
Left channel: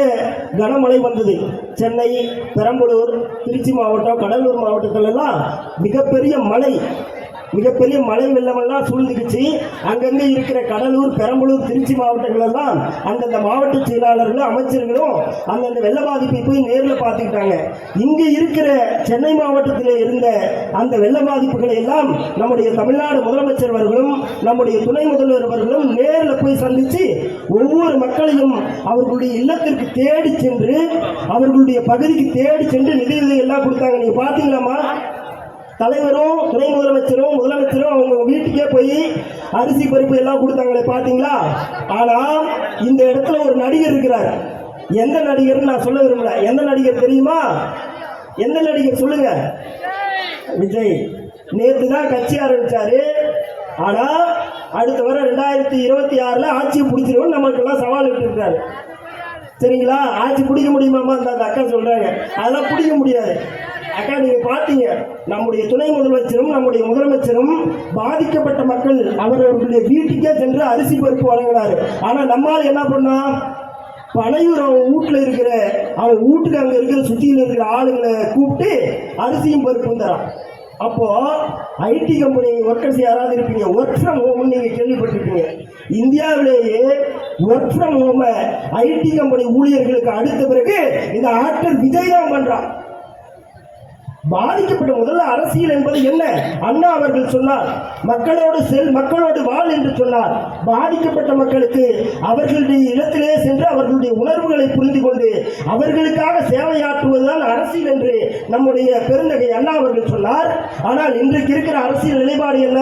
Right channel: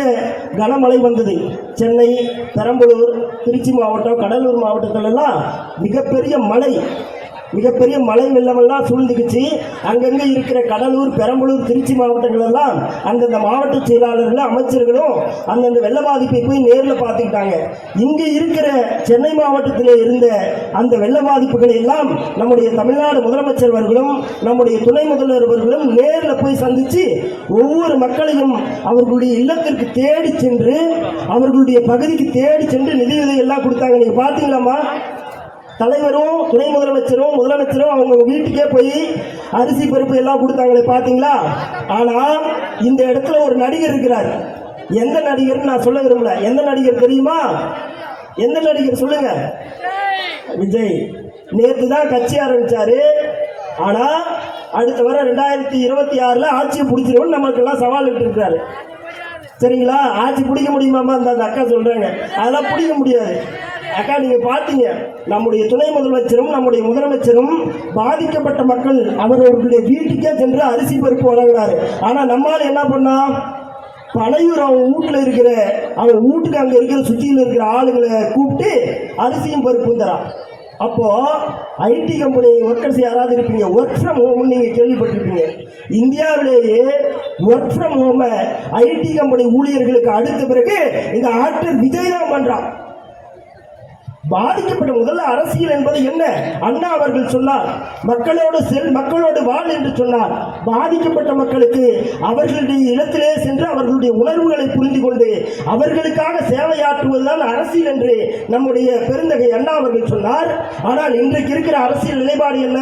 கனமழை வந்தது. சென்னை பெரம்பலூர் திருச்சி மாவட்டம் கடலூர் மாவட்டத்திலலாம் மிகப்பெரிய மழை. மிகப்பெரிய மழை வெள்ளமெல்லாம் சூழ்ந்துக்குச்சு அங்கங்கே இருக்கிற கடலூர் பெரம்பலூர் திருச்சி மாவட்டங்கள் எல்லாம் அந்தந்த மாவட்ட செயலாளர்களும் அமைச்சர்களும் அந்தந்த வெள்ள பாதிப்பை போய் நேரில் பார்த்துக்கிட்டாங்க. இங்கே இருக்கிற சென்னை மாவட்டத்தில் இருந்த அந்த வெள்ள பாதிப்புகளை எல்லாம் நம்முடைய தமிழ்நாடு முதலமைச்சர் அவர்களும் நம்முடைய துணை முதல்வர் அவர்களும் நேரில் போய் சந்தித்து ஒவ்வொரு மக்களையும் அவர்களுடைய இல்லத்திற்கு தேடி சென்று அவர்களுடைய பகுதிக்கு தேடி சென்று நிதியுதவி எல்லாம் கொடுத்தாங்க. நீங்கள் பார்த்தீங்களாம்மா? தலைவரும் துணை முதலமைச்சரும் முதலமைச்சரும் அவங்க வீட்டுக்கே போய் அரிசி பருப்பு எல்லாம் கொடுத்தாங்களே பார்த்தீங்களா ஆனால் இந்த இடத்துல ஒரு நடிகர் இருக்கிறார். எந்த நடிகர்னு நான் சொல்ல விரும்பல. எந்த நடிகர் தெரியுமா? எந்த நடிகர் சொல்லுங்க? விஜய். நேற்று தான் கட்சி ஆரம்பிச்சாரு. ஆனா அடுத்த வர ரெண்டாயிரத்தி இருபத்தி ஆறுல ஆட்சியை பிடிச்சிருவோம் நம்மளுக்கெல்லாம் சவால் விட்டுருக்காரு சரிங்களா? ஆட்சி பிடிக்க முடியுமாமா அந்த அந்த அக்கா சொல்றாங்க. அதெல்லாம் பிடிக்க முடியாது. அக்கா நீங்க பாத்தீங்க நம்முடைய துணை முதலமைச்சரும் நம்முடைய முதலமைச்சரும் பாதிக்கப்பட்ட மக்கள் அவர்களுடைய வீட்டுக்கே சென்று அரிசி பருப்பு வழங்குறாரு. ஆனா நம்மால் என்ன பண்ணா? பனையூர் அவன் வீட்டில் இருக்கிற அவன் வீட்டுக்கு அங்கே இருக்கிற சுற்றியில் இருக்கிற ஆளுங்களை கூப்பிட்டு அரிசியும் பருப்பும் தரான். அப்போது ஐடி கம்பெனி ஒர்க்கர்ஸ் யாராவது இருப்பீங்க? ஒர்க் ஃப்ரம் ஹோம்னு நீங்கள் கேள்விப்பட்டிருப்பீங்க. இந்தியாவிலேயே ஒர்க் ஃப்ரம் ஹோமை ஐடி கம்பெனி ஊழியர்களுக்கு அடுத்த பிறகு இந்த ஆக்டர் விஜய் தான் பண்ணுறான் பாதிக்கப்பட்ட முதல்ல அரசியல் என்பது என்ன? அண்ணா அவர்கள் சொன்னார் மக்களோடு செல் மக்களோடு வாழ் என்று சொன்னார். பாதிக்கப்பட்ட மக்களுக்கு அவர்களுடைய இடத்திலே சென்று அவர்களுடைய உணர்வுகளை புரிந்து கொண்டு அவர்களுக்காக சேவையாற்றுவதுதான் அரசியல் என்று நம்முடைய பெருந்தகை அண்ணா அவர்கள் சொன்னார். ஆனால் இன்றைக்கு இருக்கிற அரசியல் நிலைப்பாடு என்ன?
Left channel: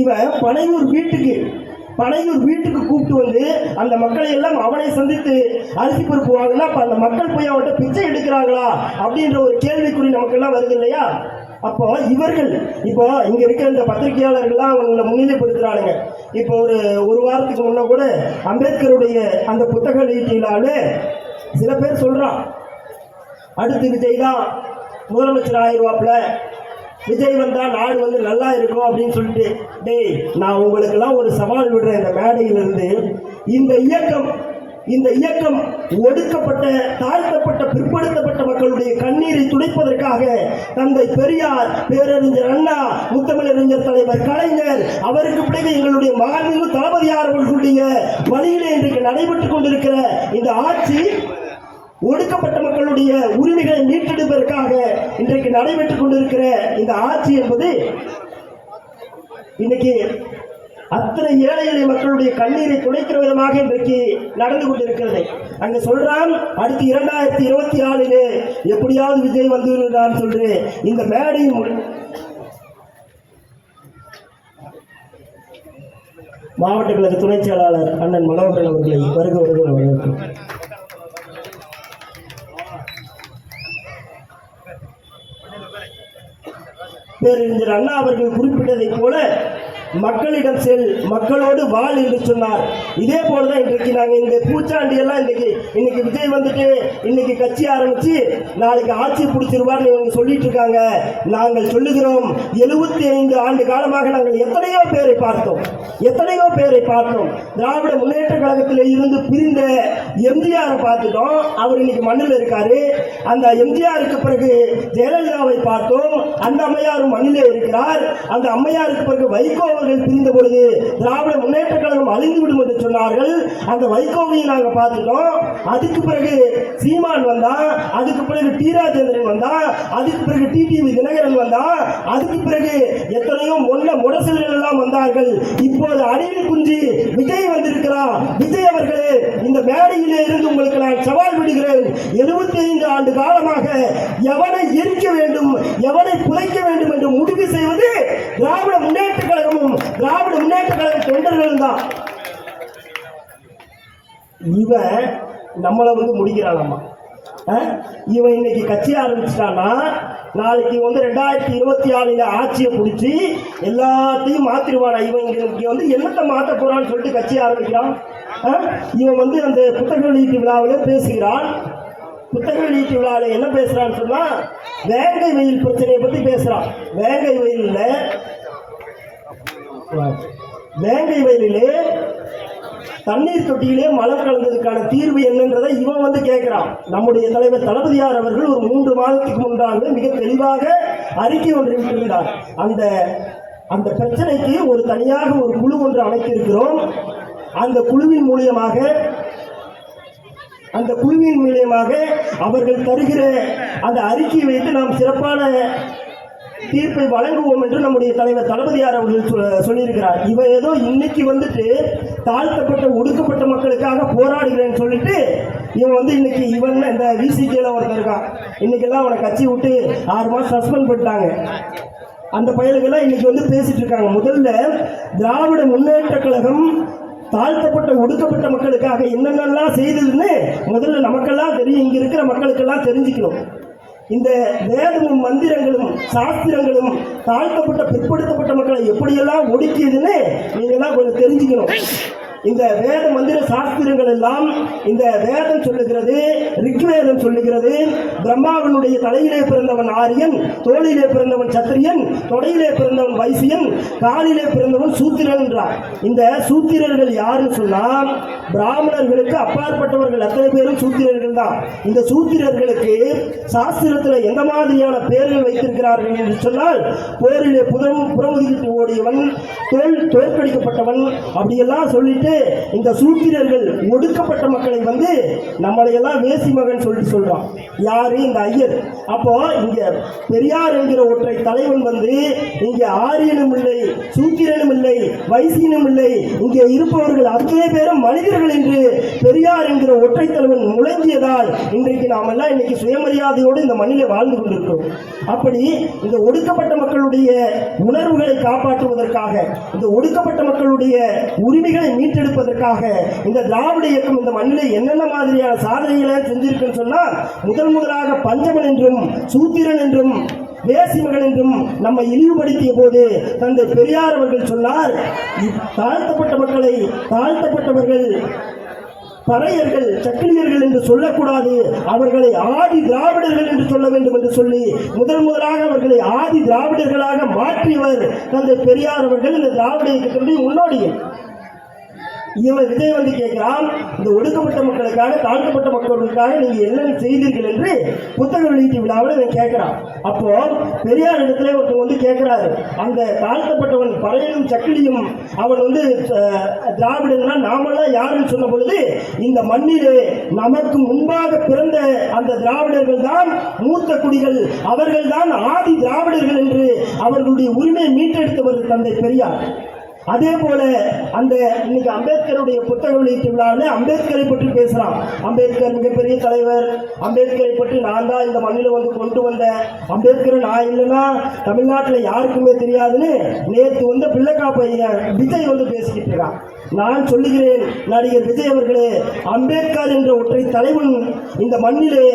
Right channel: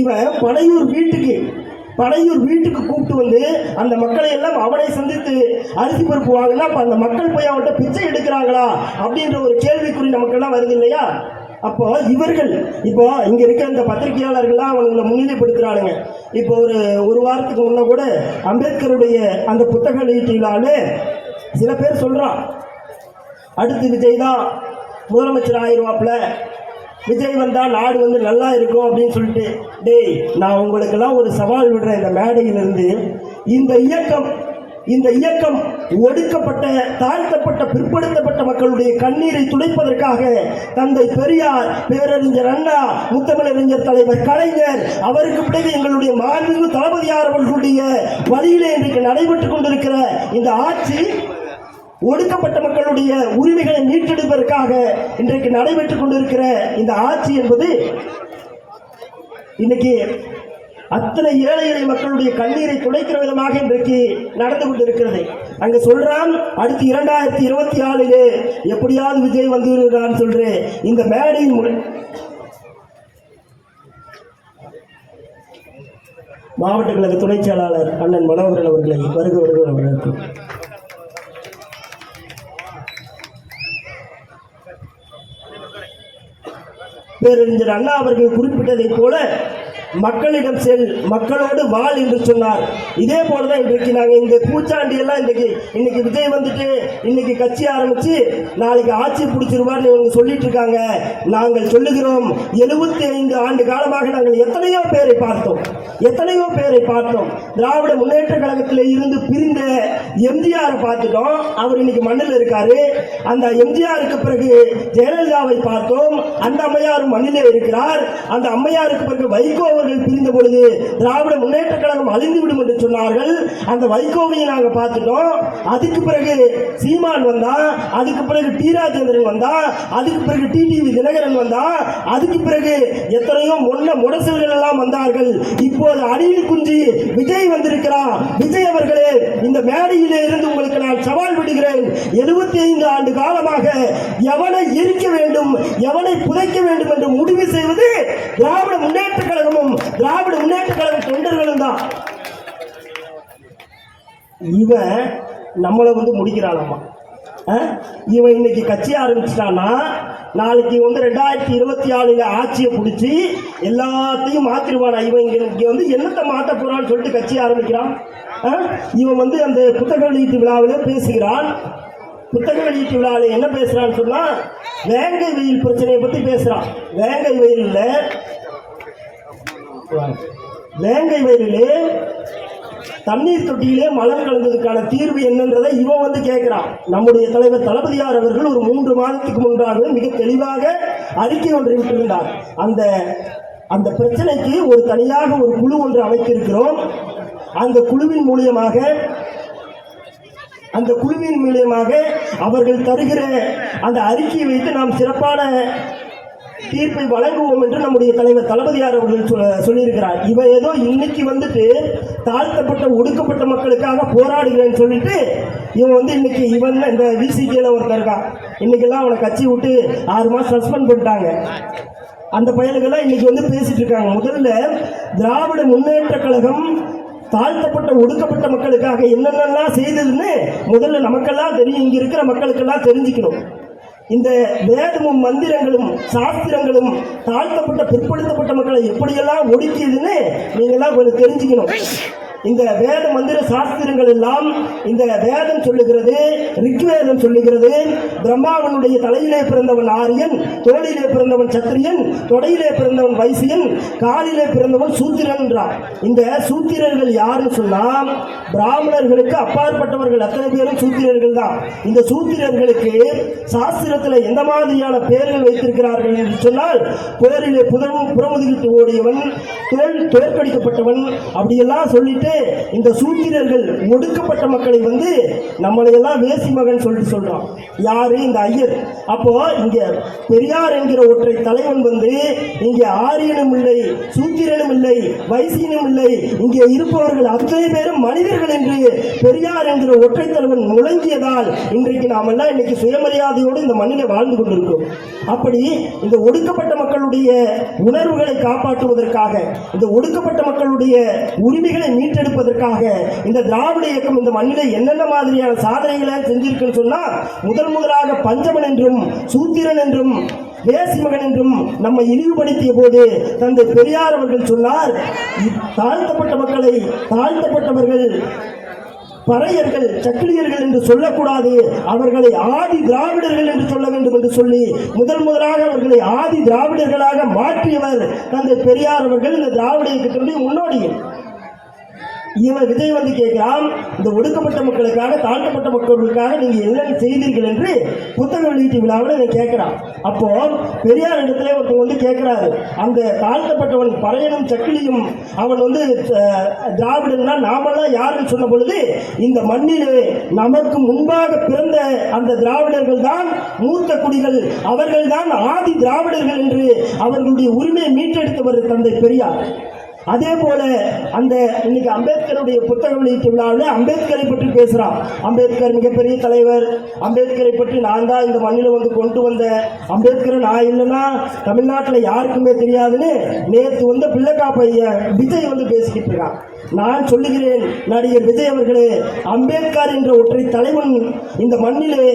இவன் பனையூர் வீட்டுக்கு பனையூர் வீட்டுக்கு கூப்பிட்டு வந்து அந்த மக்களை எல்லாம் அவனை சந்தித்து அரிசி பருப்பு வாங்கினா அந்த மக்கள் போய் அவன்கிட்ட பிச்சை எடுக்கிறாங்களா அப்படின்ற ஒரு கேள்வி வருது இல்லையா? அப்போ இவர்கள் இப்போ இங்க இருக்கிற இந்த பத்திரிகையாளர்கள்லாம் அவங்களை முன்னிலைப்படுத்துறானுங்க இப்போ ஒரு ஒரு வாரத்துக்கு முன்ன கூட அம்பேத்கருடைய அந்த புத்தக வெளியீட்டினாலே சில பேர் சொல்றான். அடுத்து விஜய் தான் முதலமைச்சர் ஆயிடுவாப்புல விஜய் வந்தா நாடு வந்து நல்லா இருக்கும் அப்படின்னு சொல்லிட்டு டேய் நான் உங்களுக்கெல்லாம் ஒரு சவால் விடுறேன் இந்த மேடையிலிருந்து. இந்த இயக்கம் இந்த இயக்கம் ஒடுக்கப்பட்ட தாழ்த்தப்பட்ட பிற்படுத்தப்பட்ட மக்களுடைய கண்ணீரை துடைப்பதற்காக தந்தை பெரியார் பேரறிஞர் அண்ணா முத்தமிழறிஞர் தலைவர் கலைஞர் அவருக்கு பிறகு எங்களுடைய மாண்பு தளபதியார் அவர்களுடைய வழியிலே இன்றைக்கு நடைபெற்றுக் கொண்டிருக்கிற இந்த ஆட்சி ஒடுக்கப்பட்ட மக்களுடைய உரிமைகளை மீட்டெடுப்பதற்காக இன்றைக்கு நடைபெற்றுக் கொண்டிருக்கிற இந்த ஆட்சி என்பது இன்னைக்கு அத்தனை ஏழை எளிய மக்களுடைய கண்ணீரை துடைக்கிற விதமாக இன்றைக்கு நடந்து கொண்டிருக்கிறது. அங்க சொல்றான் அடுத்து இரண்டாயிரத்தி இருபத்தி ஆறிலே எப்படியாவது விஜய் வந்துவிடுகிறான் சொல்றேன் இந்த மேடையின் மூலம். மாவட்ட கழக துணைச் செயலாளர் அண்ணன் மனோகரன் அவர்களை வருக வருக வரவேற்கும். பேரறிஞர் அண்ணா அவர்கள் குறிப்பிட்டதைப் போல மக்களிடம் செல் மக்களோடு வாழ் என்று சொன்னார். இதே போலதான் இன்றைக்கு நாங்கள் இந்த பூச்சாண்டி எல்லாம் இன்னைக்கு இன்னைக்கு விஜய் வந்துட்டு இன்னைக்கு கட்சி ஆரம்பிச்சு நாளைக்கு ஆட்சி பிடிச்சிருவார்னு இவங்க சொல்லிட்டு இருக்காங்க. நாங்கள் சொல்லுகிறோம் எழுபத்தி ஐந்து ஆண்டு காலமாக நாங்கள் எத்தனையோ பேரை பார்த்தோம். எத்தனையோ பேரை பார்த்தோம். திராவிட முன்னேற்ற கழகத்தில் இருந்து பிரிந்த எம்ஜிஆரை பார்த்துட்டோம். அவர் இன்னைக்கு மண்ணில் இருக்காரு. அந்த எம்ஜிஆருக்கு பிறகு ஜெயலலிதாவை பார்த்தோம். அந்த அம்மையாரும் மண்ணிலே இருக்கிறார். அந்த அம்மையாருக்கு பிறகு வைகோ அவர்கள் பிரிந்த பொழுது திராவிட முன்னேற்ற கழகம் அழிந்துவிடும் என்று சொன்னார்கள். அந்த வைகோவையும் நாங்கள் பார்த்துட்டோம். அதுக்கு பிறகு சீமான் வந்தா அதுக்கு பிறகு டி ராஜேந்திரன் வந்தா அதுக்கு பிறகு டிடிவி தினகரன் வந்தா அதுக்கு பிறகு எத்தனையோ முன்ன முரசல்கள் எல்லாம் வந்தார்கள். இப்போது அடியில் குஞ்சி விஜய் வந்திருக்கிறார். விஜய் அவர்களே இந்த மேடையிலே இருந்து உங்களுக்கு நான் சவால் விடுகிறேன். எழுபத்தி ஐந்து ஆண்டு காலமாக எவனை எரிக்க வேண்டும் எவனை புதைக்க வேண்டும் என்று முடிவு செய்வது திராவிட முன்னேற்ற கழகமும் திராவிட முன்னேற்ற கழக தொண்டர்களும் தான். இவன் நம்மளை வந்து முடிக்கிறானாமா இவன் இன்னைக்கு கட்சி ஆரம்பிச்சிட்டான்னா நாளைக்கு வந்து ரெண்டாயிரத்தி இருபத்தி ஆளுல ஆட்சியை பிடிச்சி எல்லாத்தையும் மாத்திருவானா இவன் இங்கே இங்கே வந்து என்னத்தை மாற்ற போறான்னு சொல்லிட்டு கட்சி ஆரம்பிக்கிறான். இவன் வந்து அந்த புத்தக வெளியீட்டு விழாவில் பேசுகிறான். புத்தக வெளியீட்டு விழாவில் என்ன பேசுகிறான்னு சொன்னால் வேங்கை வெயில் பிரச்சனையை பற்றி பேசுகிறான் வேங்கை வெயிலில் வேங்கை வயலிலே தண்ணீர் தொட்டியிலே மலர் கலந்ததுக்கான தீர்வு என்னன்றதை இவன் வந்து கேட்கிறான். நம்முடைய தலைவர் தளபதியார் அவர்கள் ஒரு மூன்று மாதத்துக்கு முன்பாக மிக தெளிவாக அறிக்கை ஒன்றை விட்டிருந்தார். அந்த அந்த பிரச்சனைக்கு ஒரு தனியாக ஒரு குழு ஒன்று அமைத்திருக்கிறோம். அந்த குழுவின் மூலியமாக அந்த குழுவின் மூலியமாக அவர்கள் தருகிற அந்த அறிக்கையை வைத்து நாம் சிறப்பான தீர்ப்பை வழங்குவோம் என்று நம்முடைய தலைவர் தளபதியார் அவர்கள் சொல்லியிருக்கிறார். இவ ஏதோ இன்னைக்கு வந்துட்டு தாழ்த்தப்பட்ட ஒடுக்கப்பட்ட மக்களுக்காக போராடுகிறேன்னு சொல்லிட்டு இவன் வந்து இன்னைக்கு இவன் இந்த விசிகேல ஒருத்தர் இருக்கான். இன்னைக்கெல்லாம் அவனை கட்சி விட்டு ஆறு மாதம் சஸ்பெண்ட் பண்ணிட்டாங்க. அந்த பயலுக்கெல்லாம் இன்னைக்கு வந்து பேசிட்டு இருக்காங்க. முதல்ல திராவிட முன்னேற்ற கழகம் தாழ்த்தப்பட்ட ஒடுக்கப்பட்ட மக்களுக்காக என்னென்னலாம் செய்ததுன்னு முதல்ல நமக்கெல்லாம் தெரியும். இங்க இருக்கிற மக்களுக்கெல்லாம் தெரிஞ்சுக்கணும். இந்த வேதமும் மந்திரங்களும் சாஸ்திரங்களும் தாழ்த்தப்பட்ட பிற்படுத்தப்பட்ட மக்களை எப்படியெல்லாம் ஒடுக்கியதுன்னு நீங்கெல்லாம் கொஞ்சம் தெரிஞ்சுக்கணும். இந்த வேத மந்திர சாஸ்திரங்கள் எல்லாம் இந்த வேதம் சொல்லுகிறது ரிக்வேதம் சொல்லுகிறது. பிரம்மாவனுடைய தலையிலே பிறந்தவன் ஆரியன் தோளிலே பிறந்தவன் சத்திரியன் தொடையிலே பிறந்தவன் வைசியன் காலிலே பிறந்தவன் சூத்திரன் என்றார். இந்த சூத்திரர்கள் யாருன்னு சொன்னால் பிராமணர்களுக்கு அப்பாற்பட்டவர்கள் அத்தனை பேரும் சூத்திரர்கள் தான். இந்த சூத்திரர்களுக்கு சாஸ்திரத்தில் எந்த மாதிரியான பெயர்கள் வைத்திருக்கிறார்கள் என்று சொன்னால் போரிலே புதமும் புறமுதுகிட்டு ஓடியவன் தோல் தோற்கடிக்கப்பட்டவன் அப்படியெல்லாம் சொல்லிட்டு இந்த சூத்திரர்கள் ஒடுக்கப்பட்ட மக்களை வந்து நம்மளை எல்லாம் வேசி மகன் சொல்லி சொல்றான். யாரு? இந்த ஐயர். அப்போ இங்க பெரியார் என்கிற ஒற்றை தலைவன் வந்து இங்கே ஆரியனும் இல்லை சூத்திரனும் இல்லை வைசியனும் இல்லை. இங்கே இருப்பவர்கள் அத்தனை பேரும் மனிதர்கள் என்று பெரியார் என்கிற ஒற்றை தலைவன் முழங்கியதால் இன்றைக்கு நாம் எல்லாம் இன்னைக்கு சுயமரியாதையோடு இந்த மண்ணில வாழ்ந்து கொண்டிருக்கிறோம். அப்படி இந்த ஒடுக்கப்பட்ட மக்களுடைய உணர்வுகளை காப்பாற்றுவதற்காக இந்த ஒடுக்கப்பட்ட மக்களுடைய உரிமைகளை மீட்டெடுப்பதற்காக இந்த திராவிட இயக்கம் இந்த மண்ணிலே என்னென்ன மாதிரியான சாதனைகளை செஞ்சிருக்குன்னு சொன்னால் முதல் முதலாக பஞ்சமன் என்றும் சூத்திரன் என்றும் வேசிமகன் என்றும் நம்மை இழிவுபடுத்திய போது தந்தை பெரியார் அவர்கள் சொன்னார் தாழ்த்தப்பட்ட மக்களை தாழ்த்தப்பட்டவர்கள் பறையர்கள் சக்கிலியர்கள் என்று சொல்லக்கூடாது. அவர்களை ஆதி திராவிடர்கள் என்று சொல்ல வேண்டும் என்று சொல்லி முதன் முதலாக அவர்களை ஆதி திராவிடர்களாக மாற்றியவர் தந்தை பெரியார் அவர்கள். இந்த திராவிட இயக்கத்தினுடைய முன்னோடிகள். இவன் விஜய் வந்து கேட்கிறான் இந்த ஒடுக்கப்பட்ட மக்களுக்காக தாழ்த்தப்பட்ட மக்களுக்காக நீங்க என்னென்ன செய்தீர்கள் என்று புத்தக வெளியீட்டு விழாவில் இவன் கேட்கிறான். அப்போ பெரியார் இடத்துல ஒருத்தர் வந்து கேட்கிறாரு. அந்த தாழ்த்தப்பட்டவன் பறையனும் சக்கிலியும் அவன் வந்து திராவிடன்னா நாமெல்லாம் யாருன்னு சொன்ன பொழுது இந்த மண்ணிலே நமக்கு முன்பாக பிறந்த அந்த திராவிடர்கள் தான் மூத்த குடிகள் அவர்கள் தான் ஆதி திராவிடர்கள் என்று அவர்களுடைய உரிமையை மீட்டெடுத்தவர் தந்தை பெரியார். அதே போல அந்த இன்னைக்கு அம்பேத்கருடைய புத்தக வெளியீட்டு விழாவில் அம்பேத்கரை பற்றி பேசுறான். அம்பேத்கர் மிகப்பெரிய தலைவர். அம்பேத்கரை பற்றி நான் தான் இந்த மண்ணில் வந்து கொண்டு வந்த அம்பேத்கர் நான் இல்லைன்னா தமிழ்நாட்டில் யாருக்குமே தெரியாதுன்னு நேற்று வந்து பிள்ளைக்காப்பைய விஜய் வந்து பேசிக்கிட்டு இருக்கான். நான் சொல்லுகிறேன் நடிகர் விஜய் அவர்களே அம்பேத்கர் என்ற ஒற்றை தலைவன் இந்த மண்ணிலே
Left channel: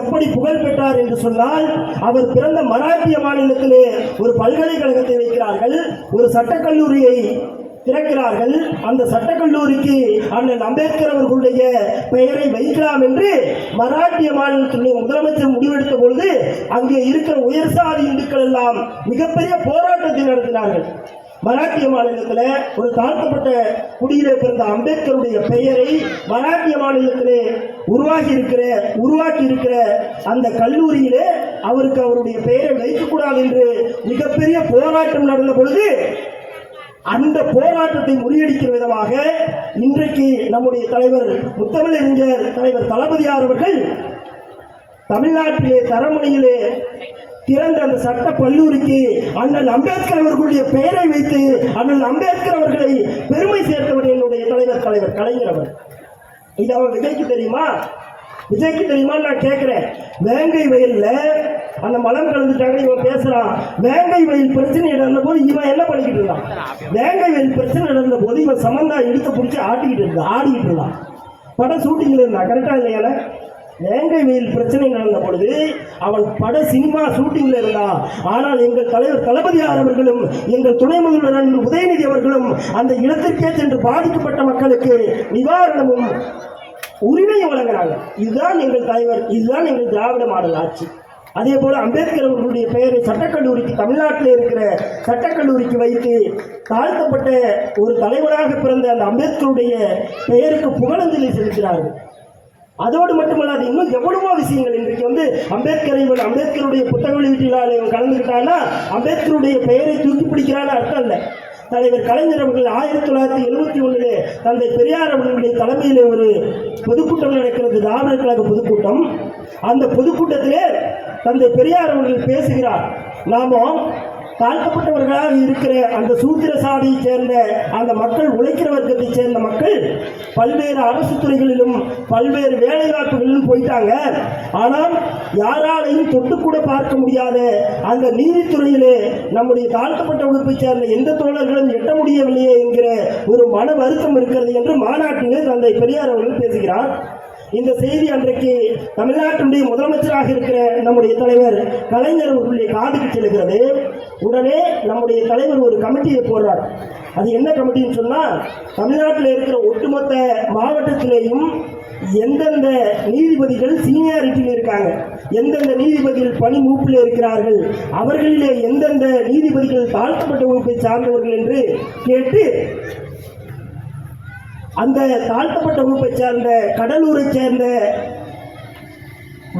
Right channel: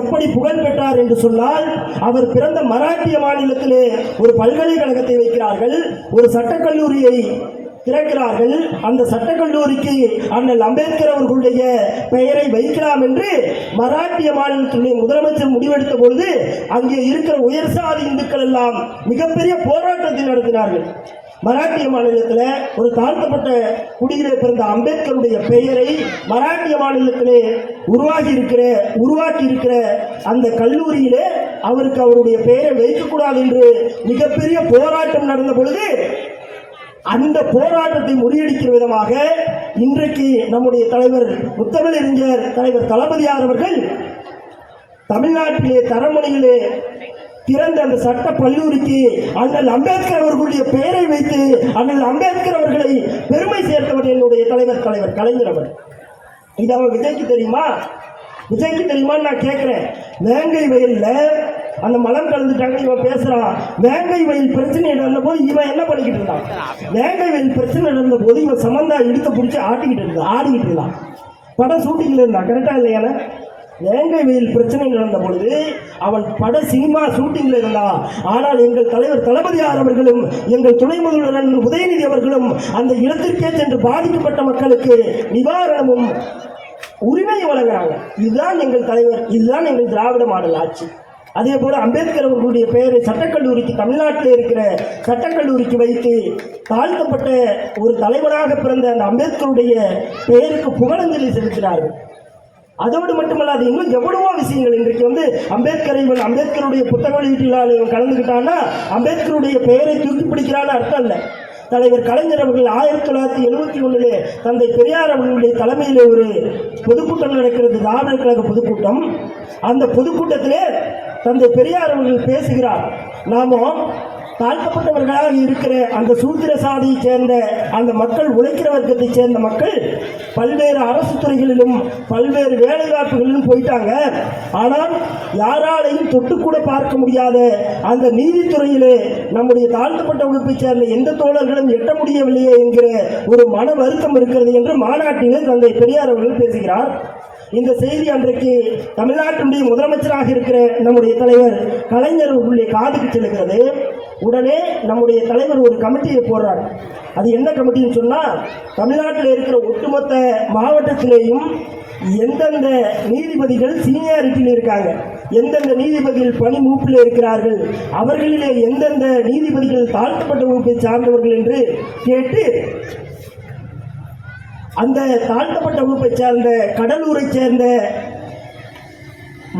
எப்படி புகழ் பெற்றார் என்று சொன்னால் அவர் பிறந்த மராட்டிய மாநிலத்திலே ஒரு பல்கலைக்கழகத்தை வைக்கிறார்கள் ஒரு சட்டக்கல்லூரியை திறக்கிறார்கள். அந்த சட்டக்கல்லூரிக்கு அண்ணல் அம்பேத்கர் அவர்களுடைய பெயரை வைக்கலாம் என்று மராட்டிய மாநிலத்தினுடைய முதலமைச்சர் முடிவெடுத்த பொழுது அங்கே இருக்கிற உயர்சாதி இந்துக்கள் எல்லாம் மிகப்பெரிய போராட்டத்தை நடத்தினார்கள். மராட்டிய மாநிலத்தில் ஒரு தாழ்த்தப்பட்ட குடியிலே பிறந்த அம்பேத்கருடைய பெயரை மராட்டிய மாநிலத்திலே உருவாகி இருக்கிற உருவாக்கி இருக்கிற அந்த கல்லூரியிலே அவருக்கு அவருடைய பெயரை வைக்கக்கூடாது என்று மிகப்பெரிய போராட்டம் நடந்த பொழுது அந்த போராட்டத்தை முறியடிக்கிற விதமாக இன்றைக்கு நம்முடைய தலைவர் முத்தமிழறிஞர் தலைவர் தளபதியார் அவர்கள் தமிழ்நாட்டிலே தரமணியிலே திறந்த அந்த சட்ட கல்லூரிக்கு அண்ணல் அம்பேத்கர் அவர்களுடைய பெயரை வைத்து அண்ணல் அம்பேத்கர் அவர்களை பெருமை சேர்த்தவர் என்னுடைய தலைவர் தலைவர் கலைஞர் அவர். இது அவன் விஜய்க்கு தெரியுமா? விஜய்க்கு தெரியுமான்னு நான் கேட்கிறேன். வேங்கை வயலில் அந்த மலம் கலந்துட்டாங்க இவன் பேசுறான். வேங்கை வயல் பிரச்சனை நடந்த போது இவன் என்ன பண்ணிக்கிட்டு இருந்தான்? வேங்கை வயல் பிரச்சனை நடந்த போது இவன் சம்பந்தா எடுத்து பிடிச்சி ஆட்டிக்கிட்டு இருந்தான் ஆடிக்கிட்டு இருந்தான். படம் ஷூட்டிங்கில் இருந்தான் கரெக்டாக இல்லையால வேங்கை வெயில் பிரச்சனை நடந்த பொழுது அவன் பட சினிமா ஷூட்டிங்ல இருந்தான். ஆனால் எங்கள் தலைவர் தளபதியார் அவர்களும் எங்கள் துணை முதல்வர் உதயநிதி அவர்களும் அந்த இடத்திற்கே சென்று பாதிக்கப்பட்ட மக்களுக்கு நிவாரணமும் உரிமையை வழங்குறாங்க இதுதான் எங்கள் தலைவர் இதுதான் எங்கள் திராவிட மாடல் ஆட்சி. அதே போல அம்பேத்கர் அவர்களுடைய பெயரை சட்டக்கல்லூரிக்கு தமிழ்நாட்டில் இருக்கிற சட்டக்கல்லூரிக்கு வைத்து தாழ்த்தப்பட்ட ஒரு தலைவராக பிறந்த அந்த அம்பேத்கருடைய பெயருக்கு புகழஞ்சலி செலுத்தினார்கள். அதோடு மட்டுமல்லாது இன்னும் எவ்வளவோ விஷயங்கள் இன்றைக்கு வந்து அம்பேத்கர் இவன் அம்பேத்கருடைய புத்தக வெளியீட்டில் இவன் கலந்துக்கிட்டான்னா அம்பேத்கருடைய பெயரை தூக்கி பிடிக்கிறான்னு அர்த்தம் இல்லை. தலைவர் கலைஞர் அவர்கள் ஆயிரத்தி தொள்ளாயிரத்தி எழுபத்தி ஒண்ணுல தந்தை பெரியார் அவர்களுடைய தலைமையில் ஒரு பொதுக்கூட்டம் நடக்கிறது திராவிட கழக பொதுக்கூட்டம். அந்த பொதுக்கூட்டத்திலே தந்தை பெரியார் அவர்கள் பேசுகிறார். நாமும் தாழ்த்தப்பட்டவர்களாக இருக்கிற அந்த சூத்திர சாதியை சேர்ந்த அந்த மக்கள் உழைக்கிற வர்க்கத்தை சேர்ந்த மக்கள் பல்வேறு அரசு துறைகளிலும் பல்வேறு வேலை வாய்ப்புகளிலும் போயிட்டாங்க. ஆனால் யாராலையும் தொட்டு கூட பார்க்க முடியாத அந்த நீதித்துறையிலே நம்முடைய தாழ்த்தப்பட்ட வகுப்பை சேர்ந்த எந்த தோழர்களும் எட்ட முடியவில்லையே என்கிற ஒரு மன வருத்தம் இருக்கிறது என்று மாநாட்டிலே தந்தை பெரியார் அவர்கள் பேசுகிறார். இந்த செய்தி அன்றைக்கு தமிழ்நாட்டினுடைய முதலமைச்சராக இருக்கிற நம்முடைய தலைவர் கலைஞர் அவர்களுடைய காதுக்கு செல்கிறது உடனே நம்முடைய தலைவர் ஒரு கமிட்டியை போடுறார். அது என்ன கமிட்டின்னு சொன்னால் தமிழ்நாட்டில் இருக்கிற ஒட்டுமொத்த மாவட்டத்திலேயும் எந்தெந்த நீதிபதிகள் சீனியாரிட்டியில் இருக்காங்க எந்தெந்த நீதிபதிகள் பணி மூப்பில் இருக்கிறார்கள் அவர்களிலே எந்தெந்த நீதிபதிகள் தாழ்த்தப்பட்ட வகுப்பை சார்ந்தவர்கள் என்று கேட்டு அந்த தாழ்த்தப்பட்ட வகுப்பை சார்ந்த கடலூரை சேர்ந்த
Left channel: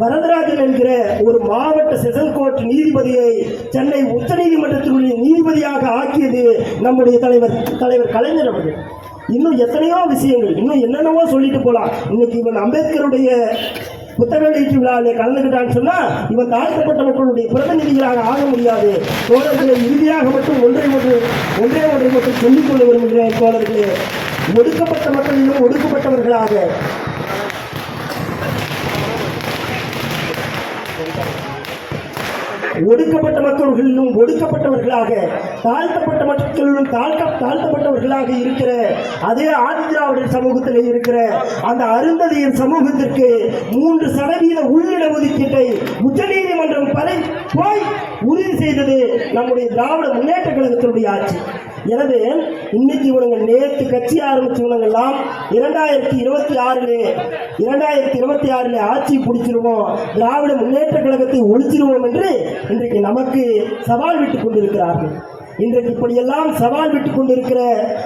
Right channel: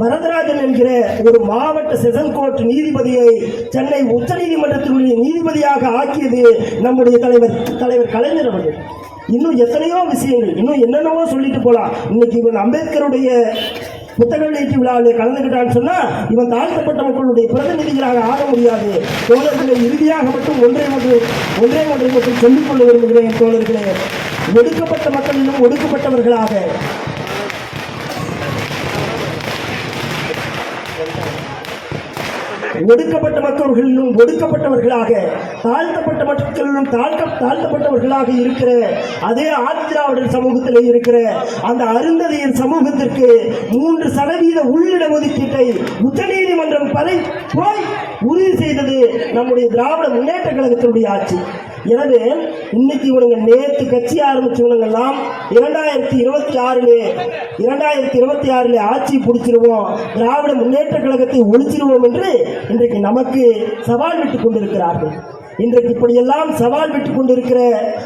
வரதராஜன் என்கிற ஒரு மாவட்ட செஷன் கோர்ட் நீதிபதியை சென்னை உச்சநீதிமன்றத்தினுடைய நீதிபதியாக ஆக்கியது நம்முடைய தலைவர் தலைவர் கலைஞர் அவர்கள். இன்னும் எத்தனையோ விஷயங்கள் இன்னும் என்னென்னவோ சொல்லிட்டு போகலாம் இன்னைக்கு இவன் அம்பேத்கருடைய புத்தக வெளியீட்டு விழாவில் கலந்துக்கிட்டான்னு சொன்னால் இவன் தாழ்த்தப்பட்ட மக்களுடைய பிரதிநிதிகளாக ஆக முடியாது. தோழர்களை இறுதியாக மட்டும் ஒன்றை மட்டும் ஒன்றே ஒன்றை மட்டும் சொல்லிக் கொள்ள விரும்புகிறேன் தோழர்களே. ஒடுக்கப்பட்ட மக்களிலும் ஒடுக்கப்பட்டவர்களாக ஒடுக்கப்பட்ட மக்கள்களிலும் ஒடுக்கப்பட்டவர்களாக தாழ்த்தப்பட்ட மக்களும் தாழ்த்த தாழ்த்தப்பட்டவர்களாக இருக்கிற அதே ஆதிதிராவிடர் சமூகத்தில் இருக்கிற அந்த அருந்ததியின் சமூகத்திற்கு மூன்று சதவீத உள்ளிட ஒதுக்கீட்டை உச்சநீதிமன்றம் பதை போய் உறுதி செய்தது நம்முடைய திராவிட முன்னேற்ற கழகத்தினுடைய ஆட்சி. எனவே இன்னைக்கு இவனுங்க நேற்று கட்சி ஆரம்பிச்சவனுங்கெல்லாம் இரண்டாயிரத்தி இருபத்தி ஆறுல இரண்டாயிரத்தி இருபத்தி ஆறுல ஆட்சி பிடிச்சிருவோம் திராவிட முன்னேற்ற கழகத்தை ஒழிச்சிருவோம் என்று இன்றைக்கு நமக்கு சவால் விட்டுக் கொண்டிருக்கிறார்கள். இன்றைக்கு இப்படியெல்லாம் சவால் விட்டு கொண்டிருக்கிற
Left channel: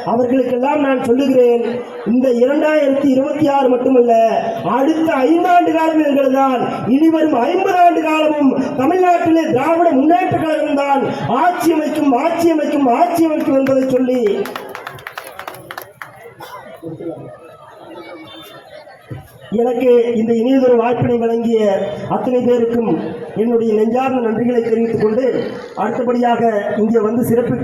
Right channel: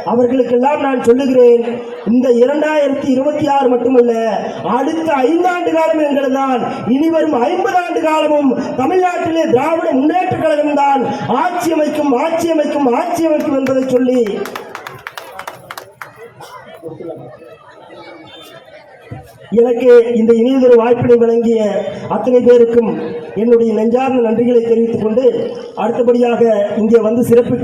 அவர்களுக்கெல்லாம் நான் சொல்லுகிறேன் இந்த இரண்டாயிரத்தி இருபத்தி ஆறு மட்டுமல்ல அடுத்த ஐந்தாண்டு காலம் என்கிறதுதான் தான் இனிவரும் ஐம்பது ஆண்டு காலமும் தமிழ்நாட்டிலே திராவிட முன்னேற்ற கழகம் தான் ஆட்சி அமைக்கும் ஆட்சி அமைக்கும் ஆட்சி அமைக்கும் என்பதை சொல்லி எனக்கு இந்த இனியதொரு வாய்ப்பினை வழங்கிய அத்தனை பேருக்கும் என்னுடைய நெஞ்சார்ந்த நன்றிகளை தெரிவித்துக் கொண்டு அடுத்தபடியாக இங்கே வந்து சிறப்பு